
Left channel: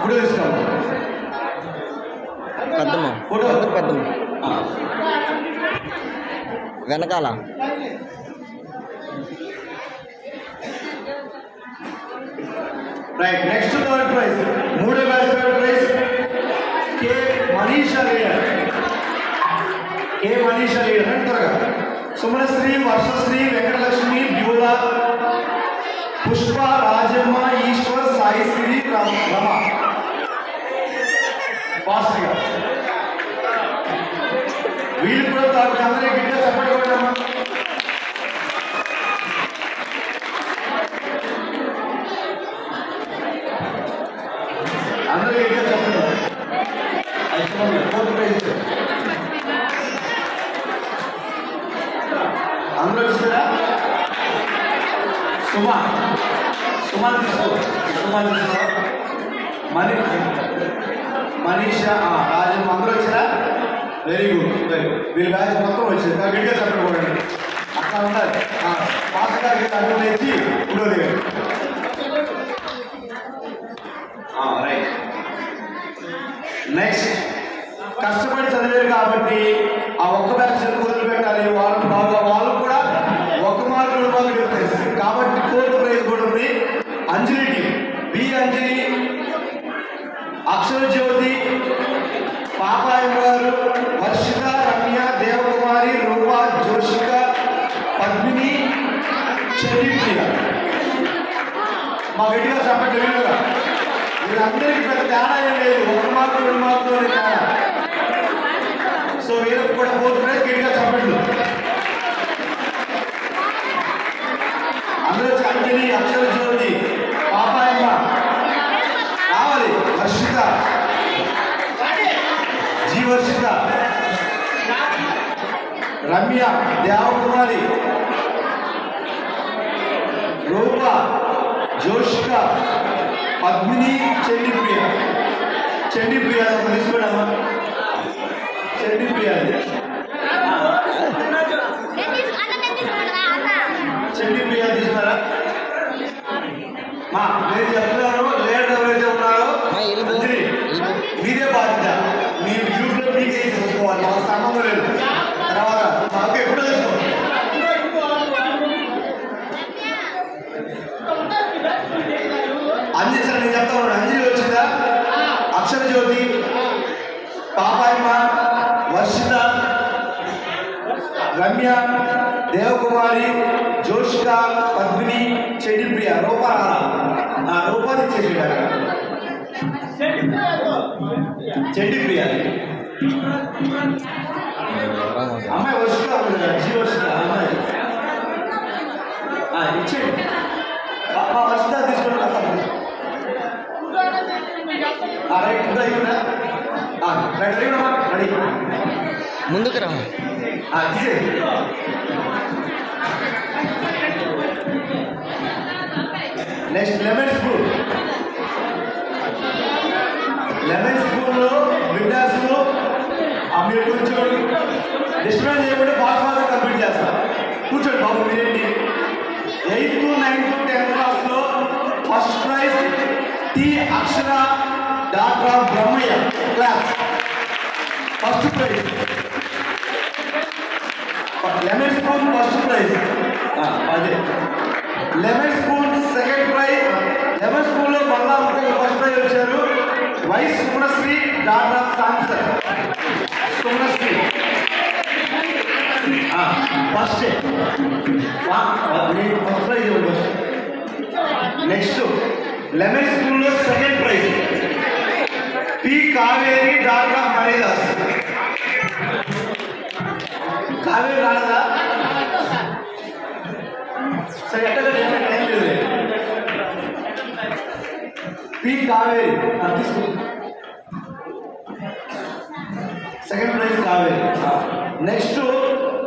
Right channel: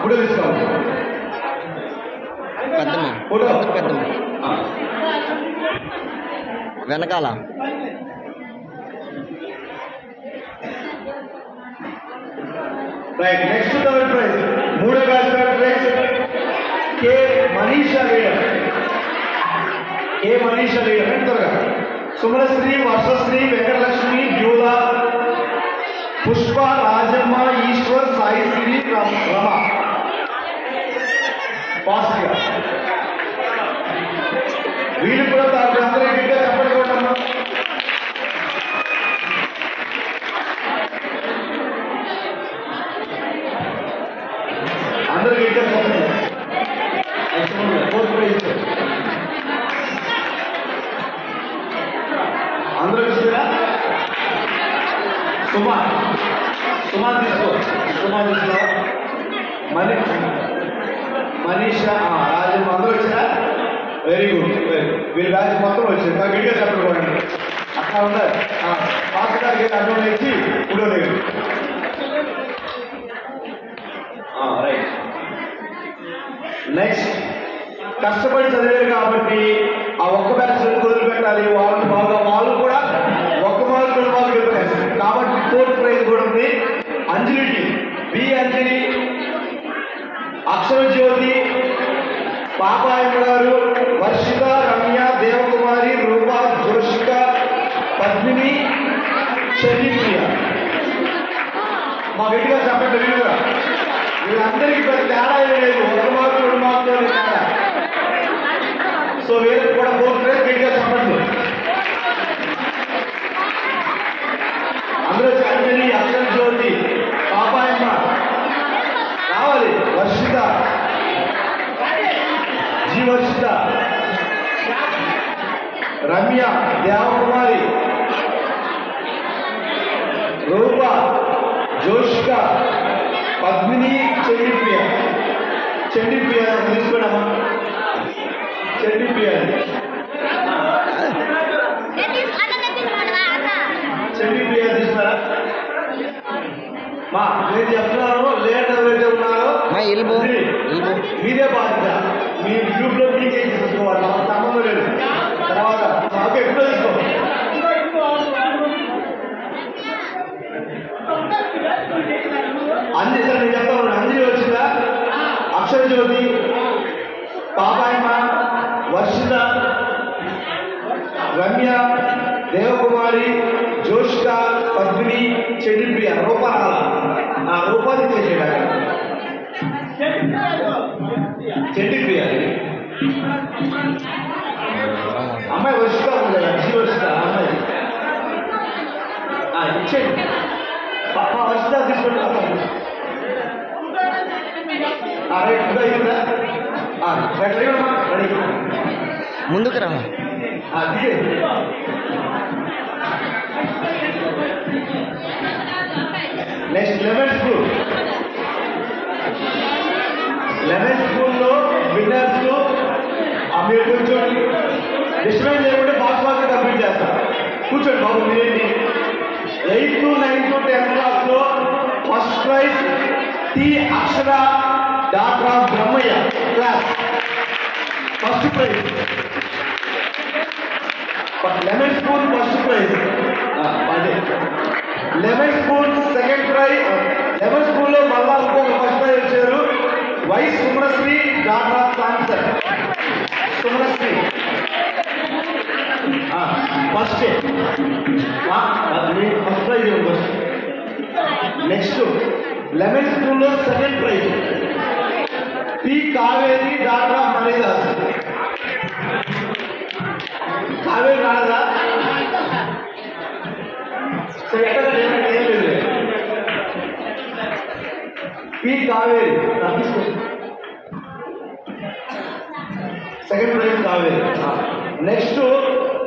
ఫోటో తీసుకోవాలి. పెద్దమ్మ ఫోటో పెద్దమ్మ వెనకాల. రైట్, నెక్స్ట్ 3rd ప్రైజ్, 3వ batch 3rd prize K Manisha leader. K Manisha leader అంటే త్వరగా సుమనశ్రీ, వర్షశ్రీ, వెంకటలక్ష్మి, బ్యూలా, పుష్ప, రాజమ్మ, ఈశ్వర్, సాయిశ్రీ, రమ. ఫాస్ట్గా వీళ్ళు కూడా అందరూ గిడ్డ చెప్పడం. అందరూ గిడ్డ చెప్పడం. అందరూ చూసారా? సుమా తీసుకో, మనీషా, రాజమ్మ అందరూ వచ్చారా? Very good. వీళ్ళ బ్యాచ్ మొత్తం వచ్చారు. గట్టిగా చెప్పండి. అట్లా ఉండాలి. ఫాస్ట్గా అర్థం చేసి ఇప్పుడు లేదు. రైట్, నెక్స్ట్ కష్టపడి చదివారు కాబట్టి ఆ ఒక్క బ్యాచ్ వదిలిపెట్టాలి. వాళ్ళని బాగా వాళ్ళు కూడా 1 మార్కు 2 మార్కులు డిఫరెన్స్ కాబట్టి 4th ప్రైజ్ కూడా ఉంది. అంజలి టీం, బి అంజలి, అక్షర జ్యోతి, పాపాయమ్మ గారు, వర్షిత, రమ్య, దేవకుమారి, రూపా, జోషిక, పద్మిని, చెల్లిప్రియ. మా గట్టిగా చెప్పండి. వీళ్ళందరికీ పెద్ద తేడా ఏం లేదు, 1 మార్కు 2 మార్కులు. సో వీళ్ళకి కూడా 4th ప్రైజ్ గట్టిగా చెప్పండి. అందరూ అంజలి, అక్షర జ్యోతి, పాపాయమ్మ రావాలి, వర్షిత, జీవర్షిత, రమ్య, దేవకుమారి, రూప, జోషిక, పద్మిని, చెండిప్రియ. తీసుకోవడమ్మా. చెడ్డి బిర్యానీ చెడ్డి బిర్యానీ తీసుకున్నారా మా నేను చెప్తున్నాను లీడర్ ఎవరైతే ఉన్నారో మీదే బాధ్యత మీ గ్రూప్ లో మీకే చూసుకోవాలి నాకు సంబంధం లేదు తర్వాత ఓకే ఇప్పుడు తీసుకో అంజలి సార్ నేను చెప్తాను అంజలి వచ్చిందా అక్షర జ్యోతి పాపాయమ్మ వర్షిత రమ్య దేవకుమారి జోషిక పద్మిని చెడ్డి ప్రియ రూపాన్ని చేసేట చెడ్డి ప్రియ అమ్మాయి వర్షిత జీ వర్షిత అమ్మాయి ఇచ్చేయండి వర్షిత తీసుకుంటా రెడీ ముందుకు రా నెక్స్ట్ లెవెన్ స్కూల్లో విన్నర్స్ మీరు కూర్చోండి డిస్టర్బెన్స్ చేయకుండా ఫాస్ట్ ఫాస్ట్ కంప్లీట్ చేస్తారు కూర్చోండి బాబు మీరేంటి 8th, 9th, 10th క్లాస్లో first prize T Akshara doctor Brahmaiah class first prize lemon spoon first prize అదే lemon spoon second prize lemon spoon లో మళ్ళా ఫస్ట్ ప్రైజ్ వచ్చారు Y Sumasri doctor Samson Sumasri first first prize next lemon spoon లో second prize P Kaveri doctor Haridas Kaveri రాదా సరే ఎక్కడ టైం లేదు పి కావేరి తీసుకో second prize Kaveri next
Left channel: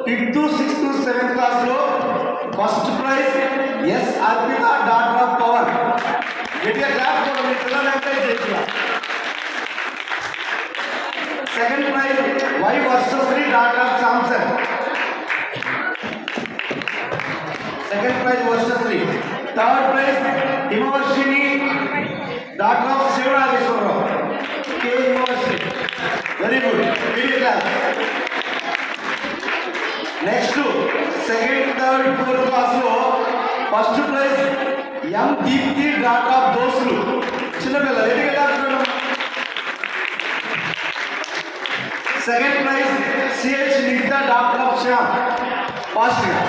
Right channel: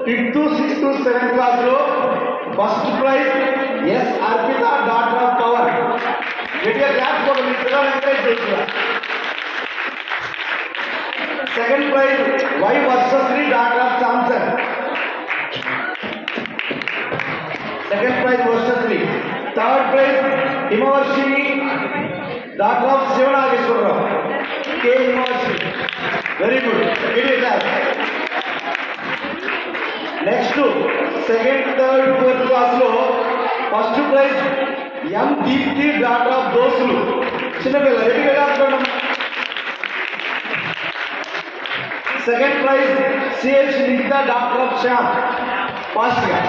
5th, 6th, 7th class లో first prize S Arpitha doctor of power గట్టిగా క్లాస్ కూడా మీ పిల్లలు ఎంకరేజ్ చేస్తున్నారు second prize Y Varshasri doctor of Samson second prize Varshasri third prize Himavarshini doctor of Sivanageswararao K Himavarshini very good media class next second third fourth class లో first prize M Deepthi doctor of దోసులు చిన్నపిల్లలు ఎదిగా second prize CH Nikhitha doctor of Shyam fast గా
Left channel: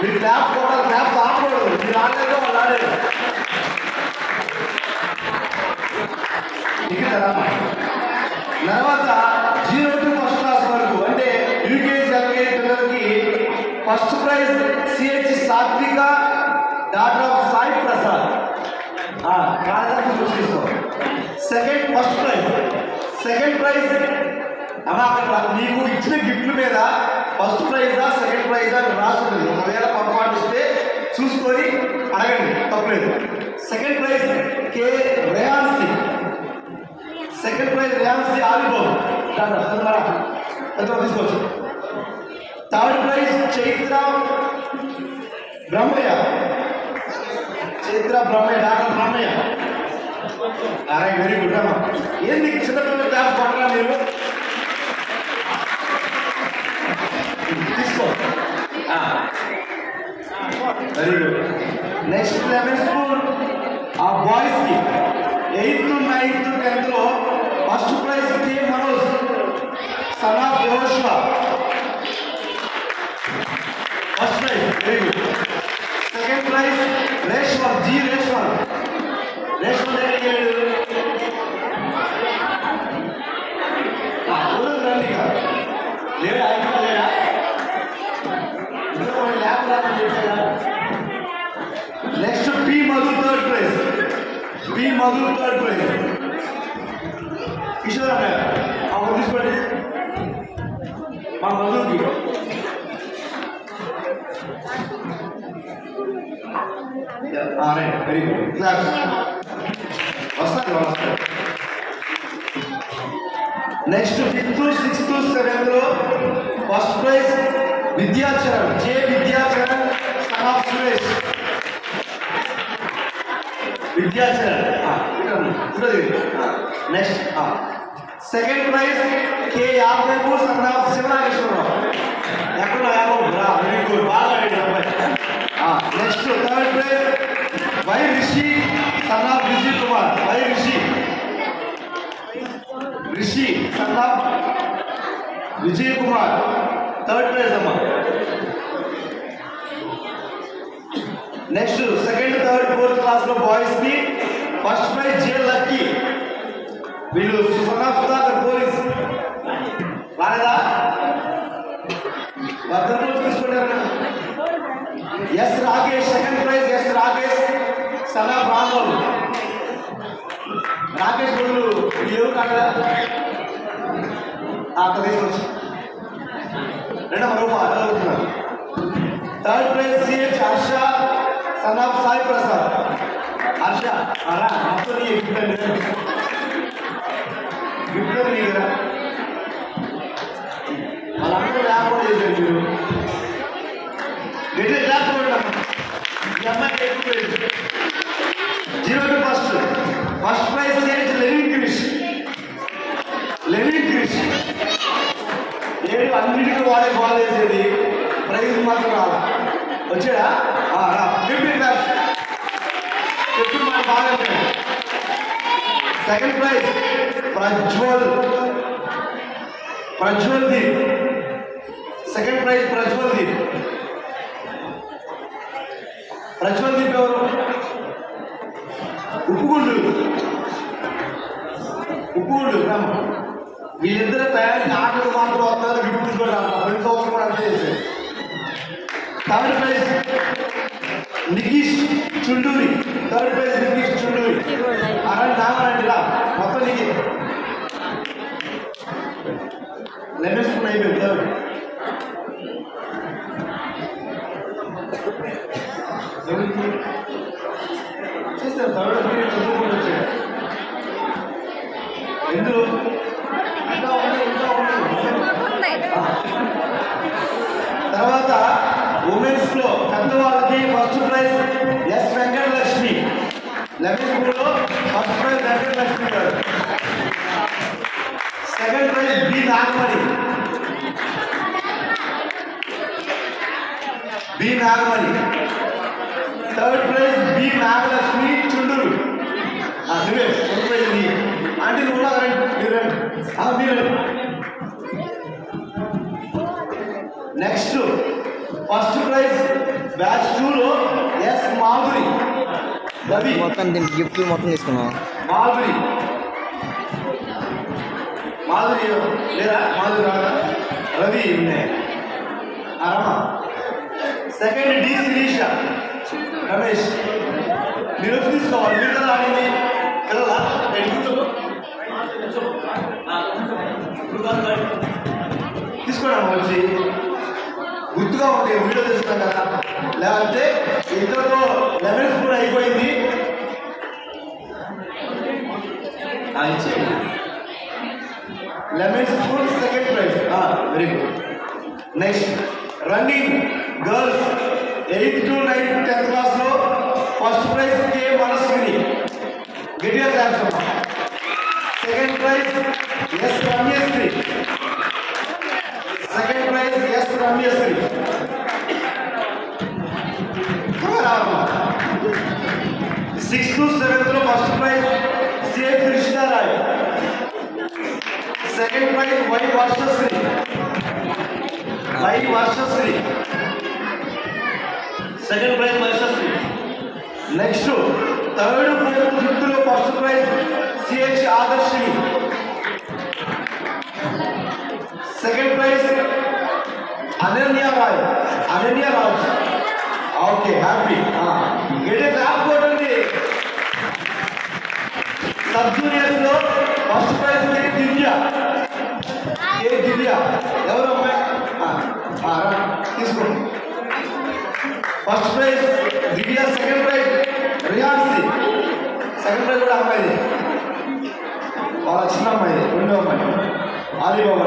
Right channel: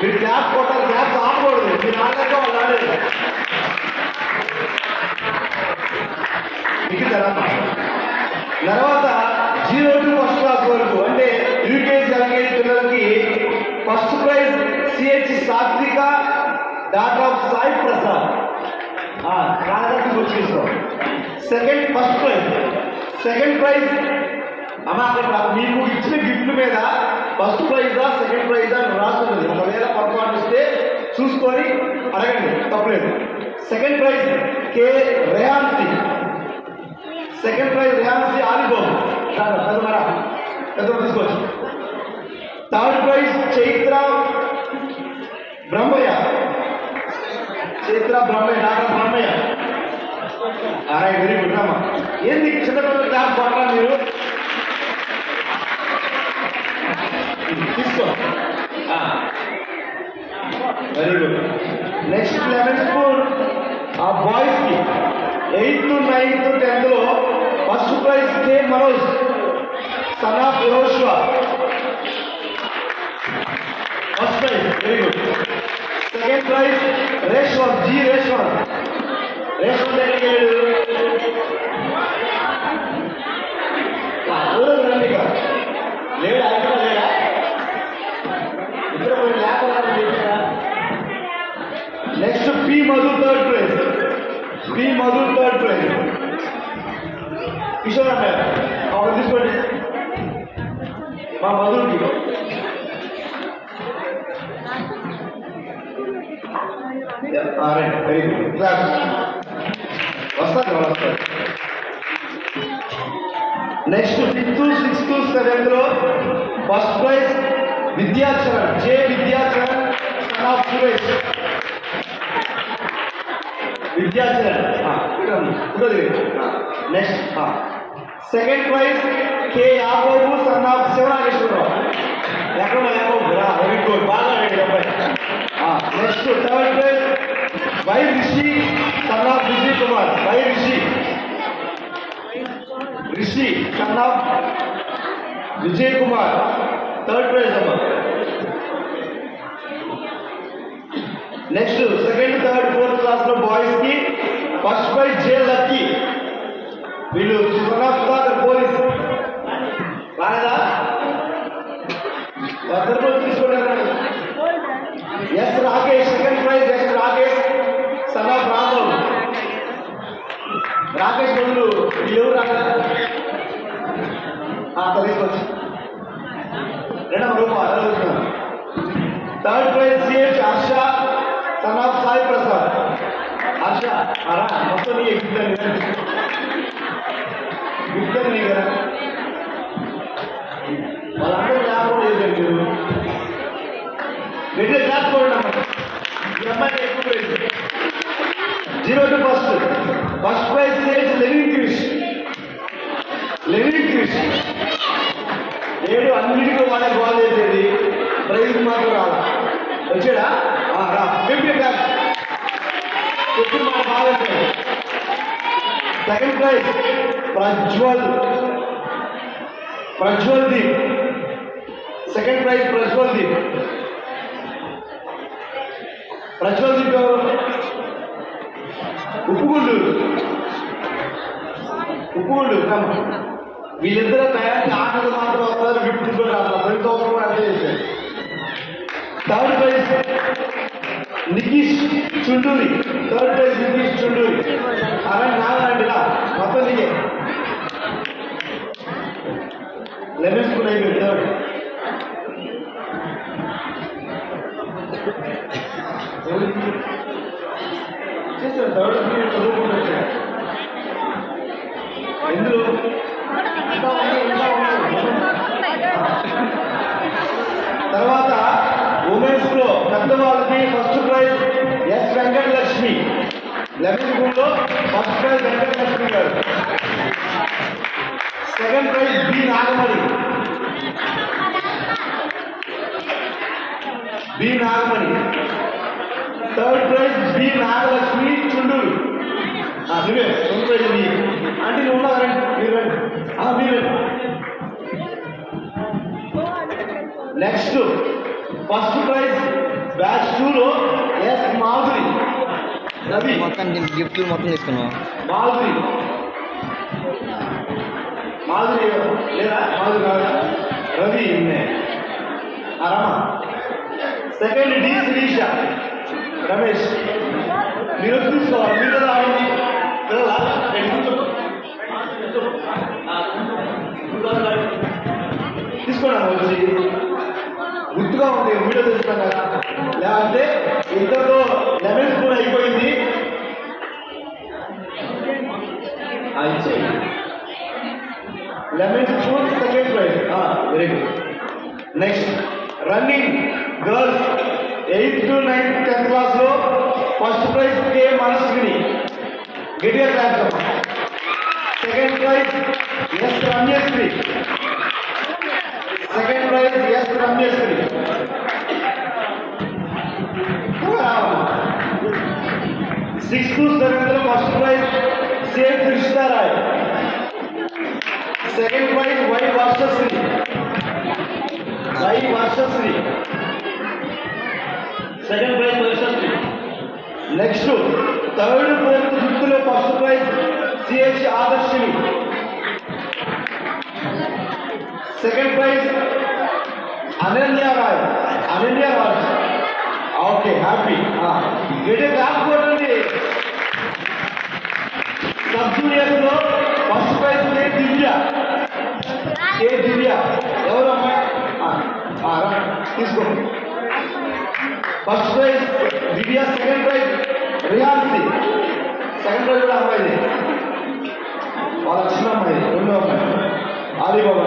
మీరు క్లాప్ కొట్టాలి క్లాప్ ఆడకూడదు మీరు ఆడలేక వాళ్ళు ఆడలేదు నిఖిత తర్వాత 0 to ఫస్ట్ క్లాస్ వరకు అంటే యూకేజీ ఎల్కేజీ పిల్లలకి ఫస్ట్ ప్రైజ్ సిహెచ్ సాత్విక డాక్టర్ ఆఫ్ సాయి ప్రసాద్ చూసుకో సెకండ్ ప్రైజ్ అమ్మా అక్కడ మీకు ఇచ్చిన గిఫ్ట్ మీద ఫస్ట్ ప్రైజా సెకండ్ ప్రైజా అని రాస్తుంది ఒకవేళ పొరపాటు ఇస్తే చూసుకొని అడగండి తప్పలేదు second prize K Reyansi second prize Reyansi Alibabu తీసుకోవచ్చు third prize Chaitra Brahmaiah doctor Brahmaiah very good అమ్మా ఏంది చిన్నపిల్లల క్లాస్ పడరా మీరు తీసుకో very good next lemon spoon ఆ బాయ్స్ కి 8th, 9th, 10th లో first prize K Manoj son of Yehoshua first prize very good second prize Reshwar Reshwar దగ్గరికి వెళ్ళాడు రండి లేడా అయితే లేడా next P Madhu third prize Kishore అన్న తీసుకోండి మా మధుకి వెరీ గుడ్ క్లాస్ వస్తాను next 5th, J Vidyacharan son of Suresh. Vidyacharan next. Second prize K Yadav son of Sivanageswararao. ఎక్కడ వెరీ గుడ్, బాగా ఆడాడు అబ్బాయి. Next third prize Y Rishi son of Vijay Kumar. Y Rishi son of Vijay Kumar third prize అమ్మా. Next second third fourth class లో బాయ్స్ కి ఫస్ట్ ప్రైజ్ జే లక్కీ. వీళ్ళు సన్ ఆఫ్ సుధాకర్ పోలీస్. రాలేదా? అద్దరు రోజు తీసుకుంటారు. S Rakesh second prize. S Rakesh son of Ramol. Rakesh వాళ్ళు వీళ్ళు రాలేదా? తీసుకొచ్చి రెండవ రూపాయలు. Third prize CH Harsha son of Sai Prasad. Harsha మొత్తం నీ గిఫ్ట్ అండి, గిఫ్ట్ నీ కదా. వాళ్ళందరూ లేకపోతే చేశారు మీరు. ఎట్లా క్లాస్ పోయినా ఈ అమ్మాయి ఎక్కువ prize. 0 to first prize CH Lenin Krish. ఏడు అన్నిటికీ వాడే బాల్ వేసేది, ప్రైజ్ మాత్రం రాదు. వచ్చాడా? ఫిఫ్టీ క్లాస్ చెప్పి బాగా. Second prize Prajwal Deep. Second prize Prajwal Deep ఎవరు? ఉప్పుగుండు గ్రామం. వీళ్ళిద్దరూ తయారు ఆటలు మాత్రం వస్తారు, గిఫ్ట్ కూడా ప్రతి సంవత్సరం కూడా అదే చేశారు. Third prize Nikish Chunduri. Third prize Nikish Chunduri. అలాంటి నామలాంటిలా మొత్తం నీకే లెమన్ స్పూన్ అయిపోయింది. చేస్తారు థర్డ్ పీరియడ్ చదువుకుంటూ వచ్చారు. ఎందులో తర్వాత ఉమెన్స్ లో పెద్దవాళ్ళకి first prize yes Venkatalakshmi. 11th స్కూల్లో first prize Venkatalakshmi garu. Second prize B Nagamani. Third prize B Nagalakshmi Chunduru. నువ్వే అంటే నువ్వు మీరు నెక్స్ట్ ఫస్ట్ ప్రైజ్ బ్యాచ్ 2లో ఎస్ మాధురి. రవి మొత్తం గిఫ్ట్ మొత్తం తీసుకున్నాం. మాధురి లేదా మాధురి కాదా? Ravi second D Sirisha. రమేష్ మీరు తీసుకోవాలి. మీరు కదా ఆడింది పిల్లల తీసుకోవడం వచ్చి గుర్తుగా ఉంది. వీడియో తీసుకోవడం కదా, లేకపోతే ఇద్దరు 11th స్కూల్ అయిపోయింది. ఇచ్చేయండి 11th school second prize. Very good. Next running girls 8th to 9th 10th class లో ఫస్ట్ ప్రైజ్ కే మనస్విని. గట్టిగా class. Second prize S Ramyasri. Second prize S Ramyasri. 6th to 7th లో first prize CH Krishnarai. Second prize Y Varshasri. Second prize Varshasri. Next third 4th 5th లో first prize CH Adarshini. Second prize Ananya Raj. Okay happy. గెటే క్లాప్ కొట్టండి. సబ్ జూనియర్స్ లో ఫస్ట్ ప్రైజ్ దివ్య. ఎవరు అమ్మాయి? తీసుకోండి. First prize Divya. Second prize Rihansi. Second prize కూడా అమ్మాయిది, వాళ్ళ చిన్న అమ్మాయిది, రెండో అమ్మాయి ఆలీబాబా.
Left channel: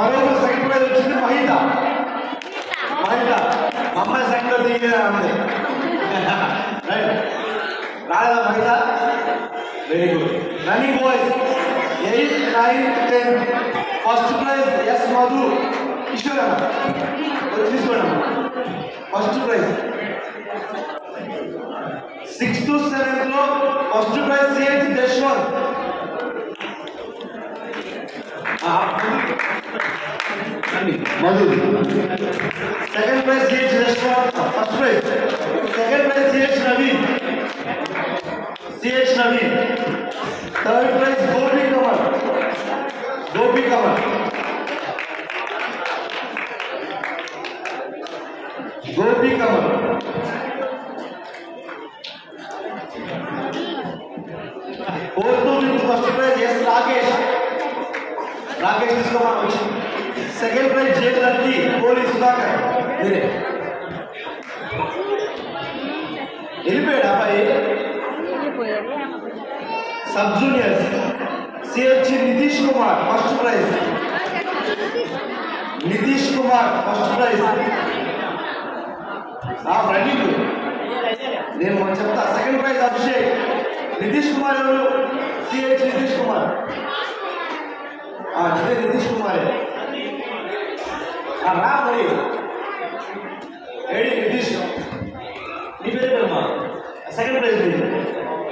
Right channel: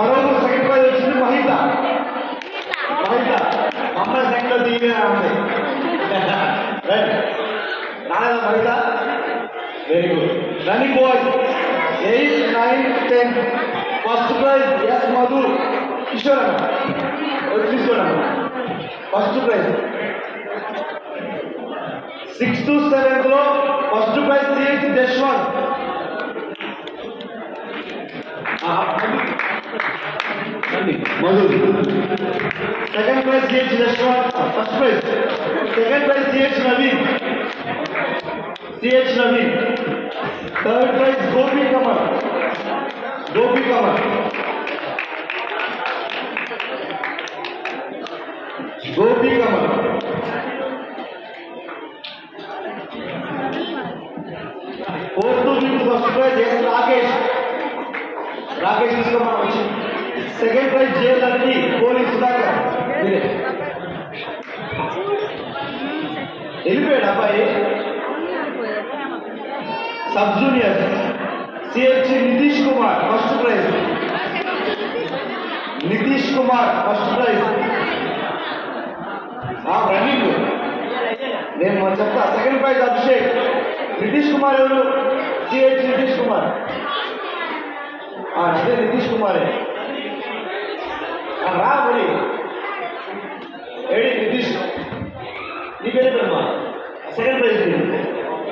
మరో సెకండ్ ప్రైజ్ వచ్చింది మహిత. తీయలేదు రైట్ రాలేదా మైదా very good running boys 8, 9, 10 first prize S Madhu Kishore తీసుకోండి first prize 6th to 7th లో first prize CH Jashwanth Madhu second prize CH Jashwanth first prize second prize CH Naveen third prize Gopi Kamal fourth with first prize S Rakesh తీసుకోమని వచ్చి second prize J Lucky Koli Sudhakar మీరే వెళ్ళిపోయాడు అబ్బాయి sub juniors CH Nitish Kumar first prize running నేను చెప్తా సెకండ్ ప్రైజ్ అభిషేక్ నితీష్ కుమార్ ఎవరు సిహెచ్ నితీష్ కుమార్ నితీష్ కుమారే రా మరి ఏడి నితీష్ నీ పేరు పేరమ్మా second prize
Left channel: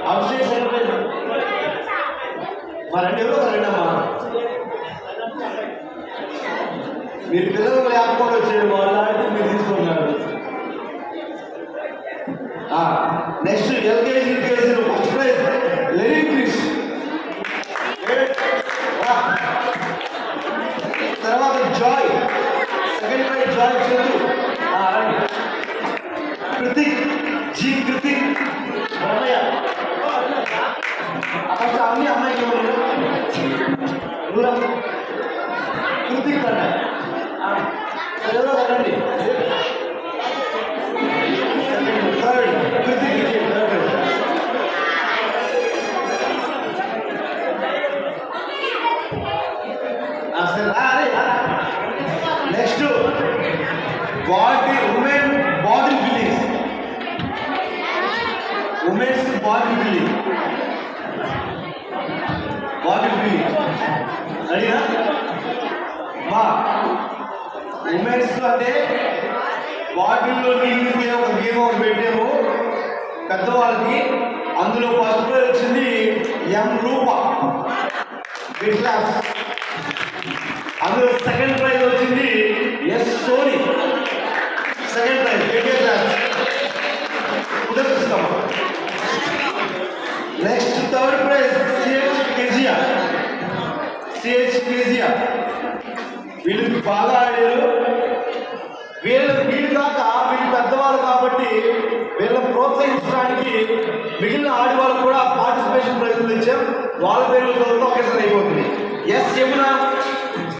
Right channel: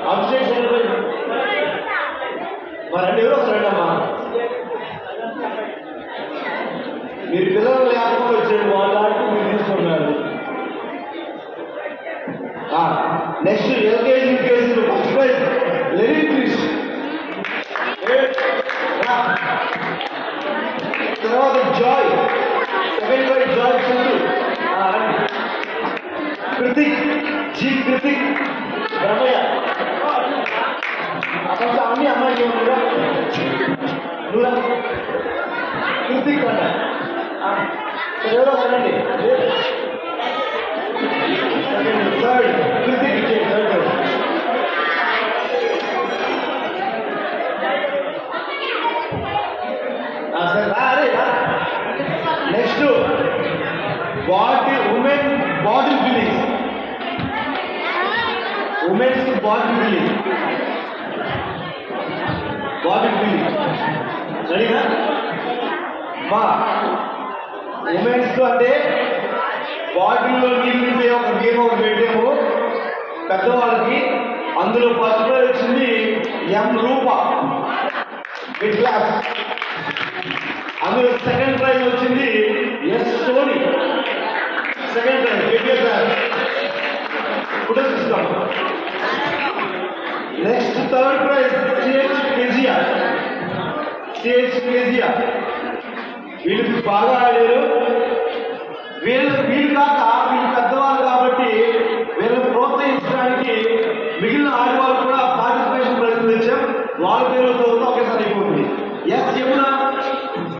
Abhishek second prize మరి ఎవరో రండమ్మా మీరు పిల్లలు లేకపోతే వచ్చేది వాళ్ళంటూ మీరు తీసుకున్నారు next LKG UKG first prize Lenin Krish తర్వాత Joy second prize Joy Chandu Kritik Ramayya అన్ని అమ్మాయికి ఏమన్నా కృతిక్ అన్న ఎవరో అనండి third Kritik next women body building women's body building రెడీనా ఉమెన్స్ అంటే బాటిల్లో నీళ్ళు ఒక గేమ్ ఒకటి పెట్టాము పెద్దవాళ్ళకి అందులో ఫస్ట్ ప్రైజ్ వచ్చింది ఎం రూప మిడ్ క్లాస్ అందులో సెకండ్ ప్రైజ్ వచ్చింది S Soni second prize mid class next third prize CH Kezia వీళ్ళు బాగా ఆడారు వీళ్ళు కాక వీళ్ళు పెద్దవాళ్ళు కాబట్టి వీళ్ళని ప్రోత్సహించడానికి మిగిలిన ఆడవాళ్ళు కూడా పార్టిసిపేషన్ ప్రయత్నం ఇచ్చాం వాళ్ళ పేరు ఒకేసారి అయిపోతుంది ఎస్ యమున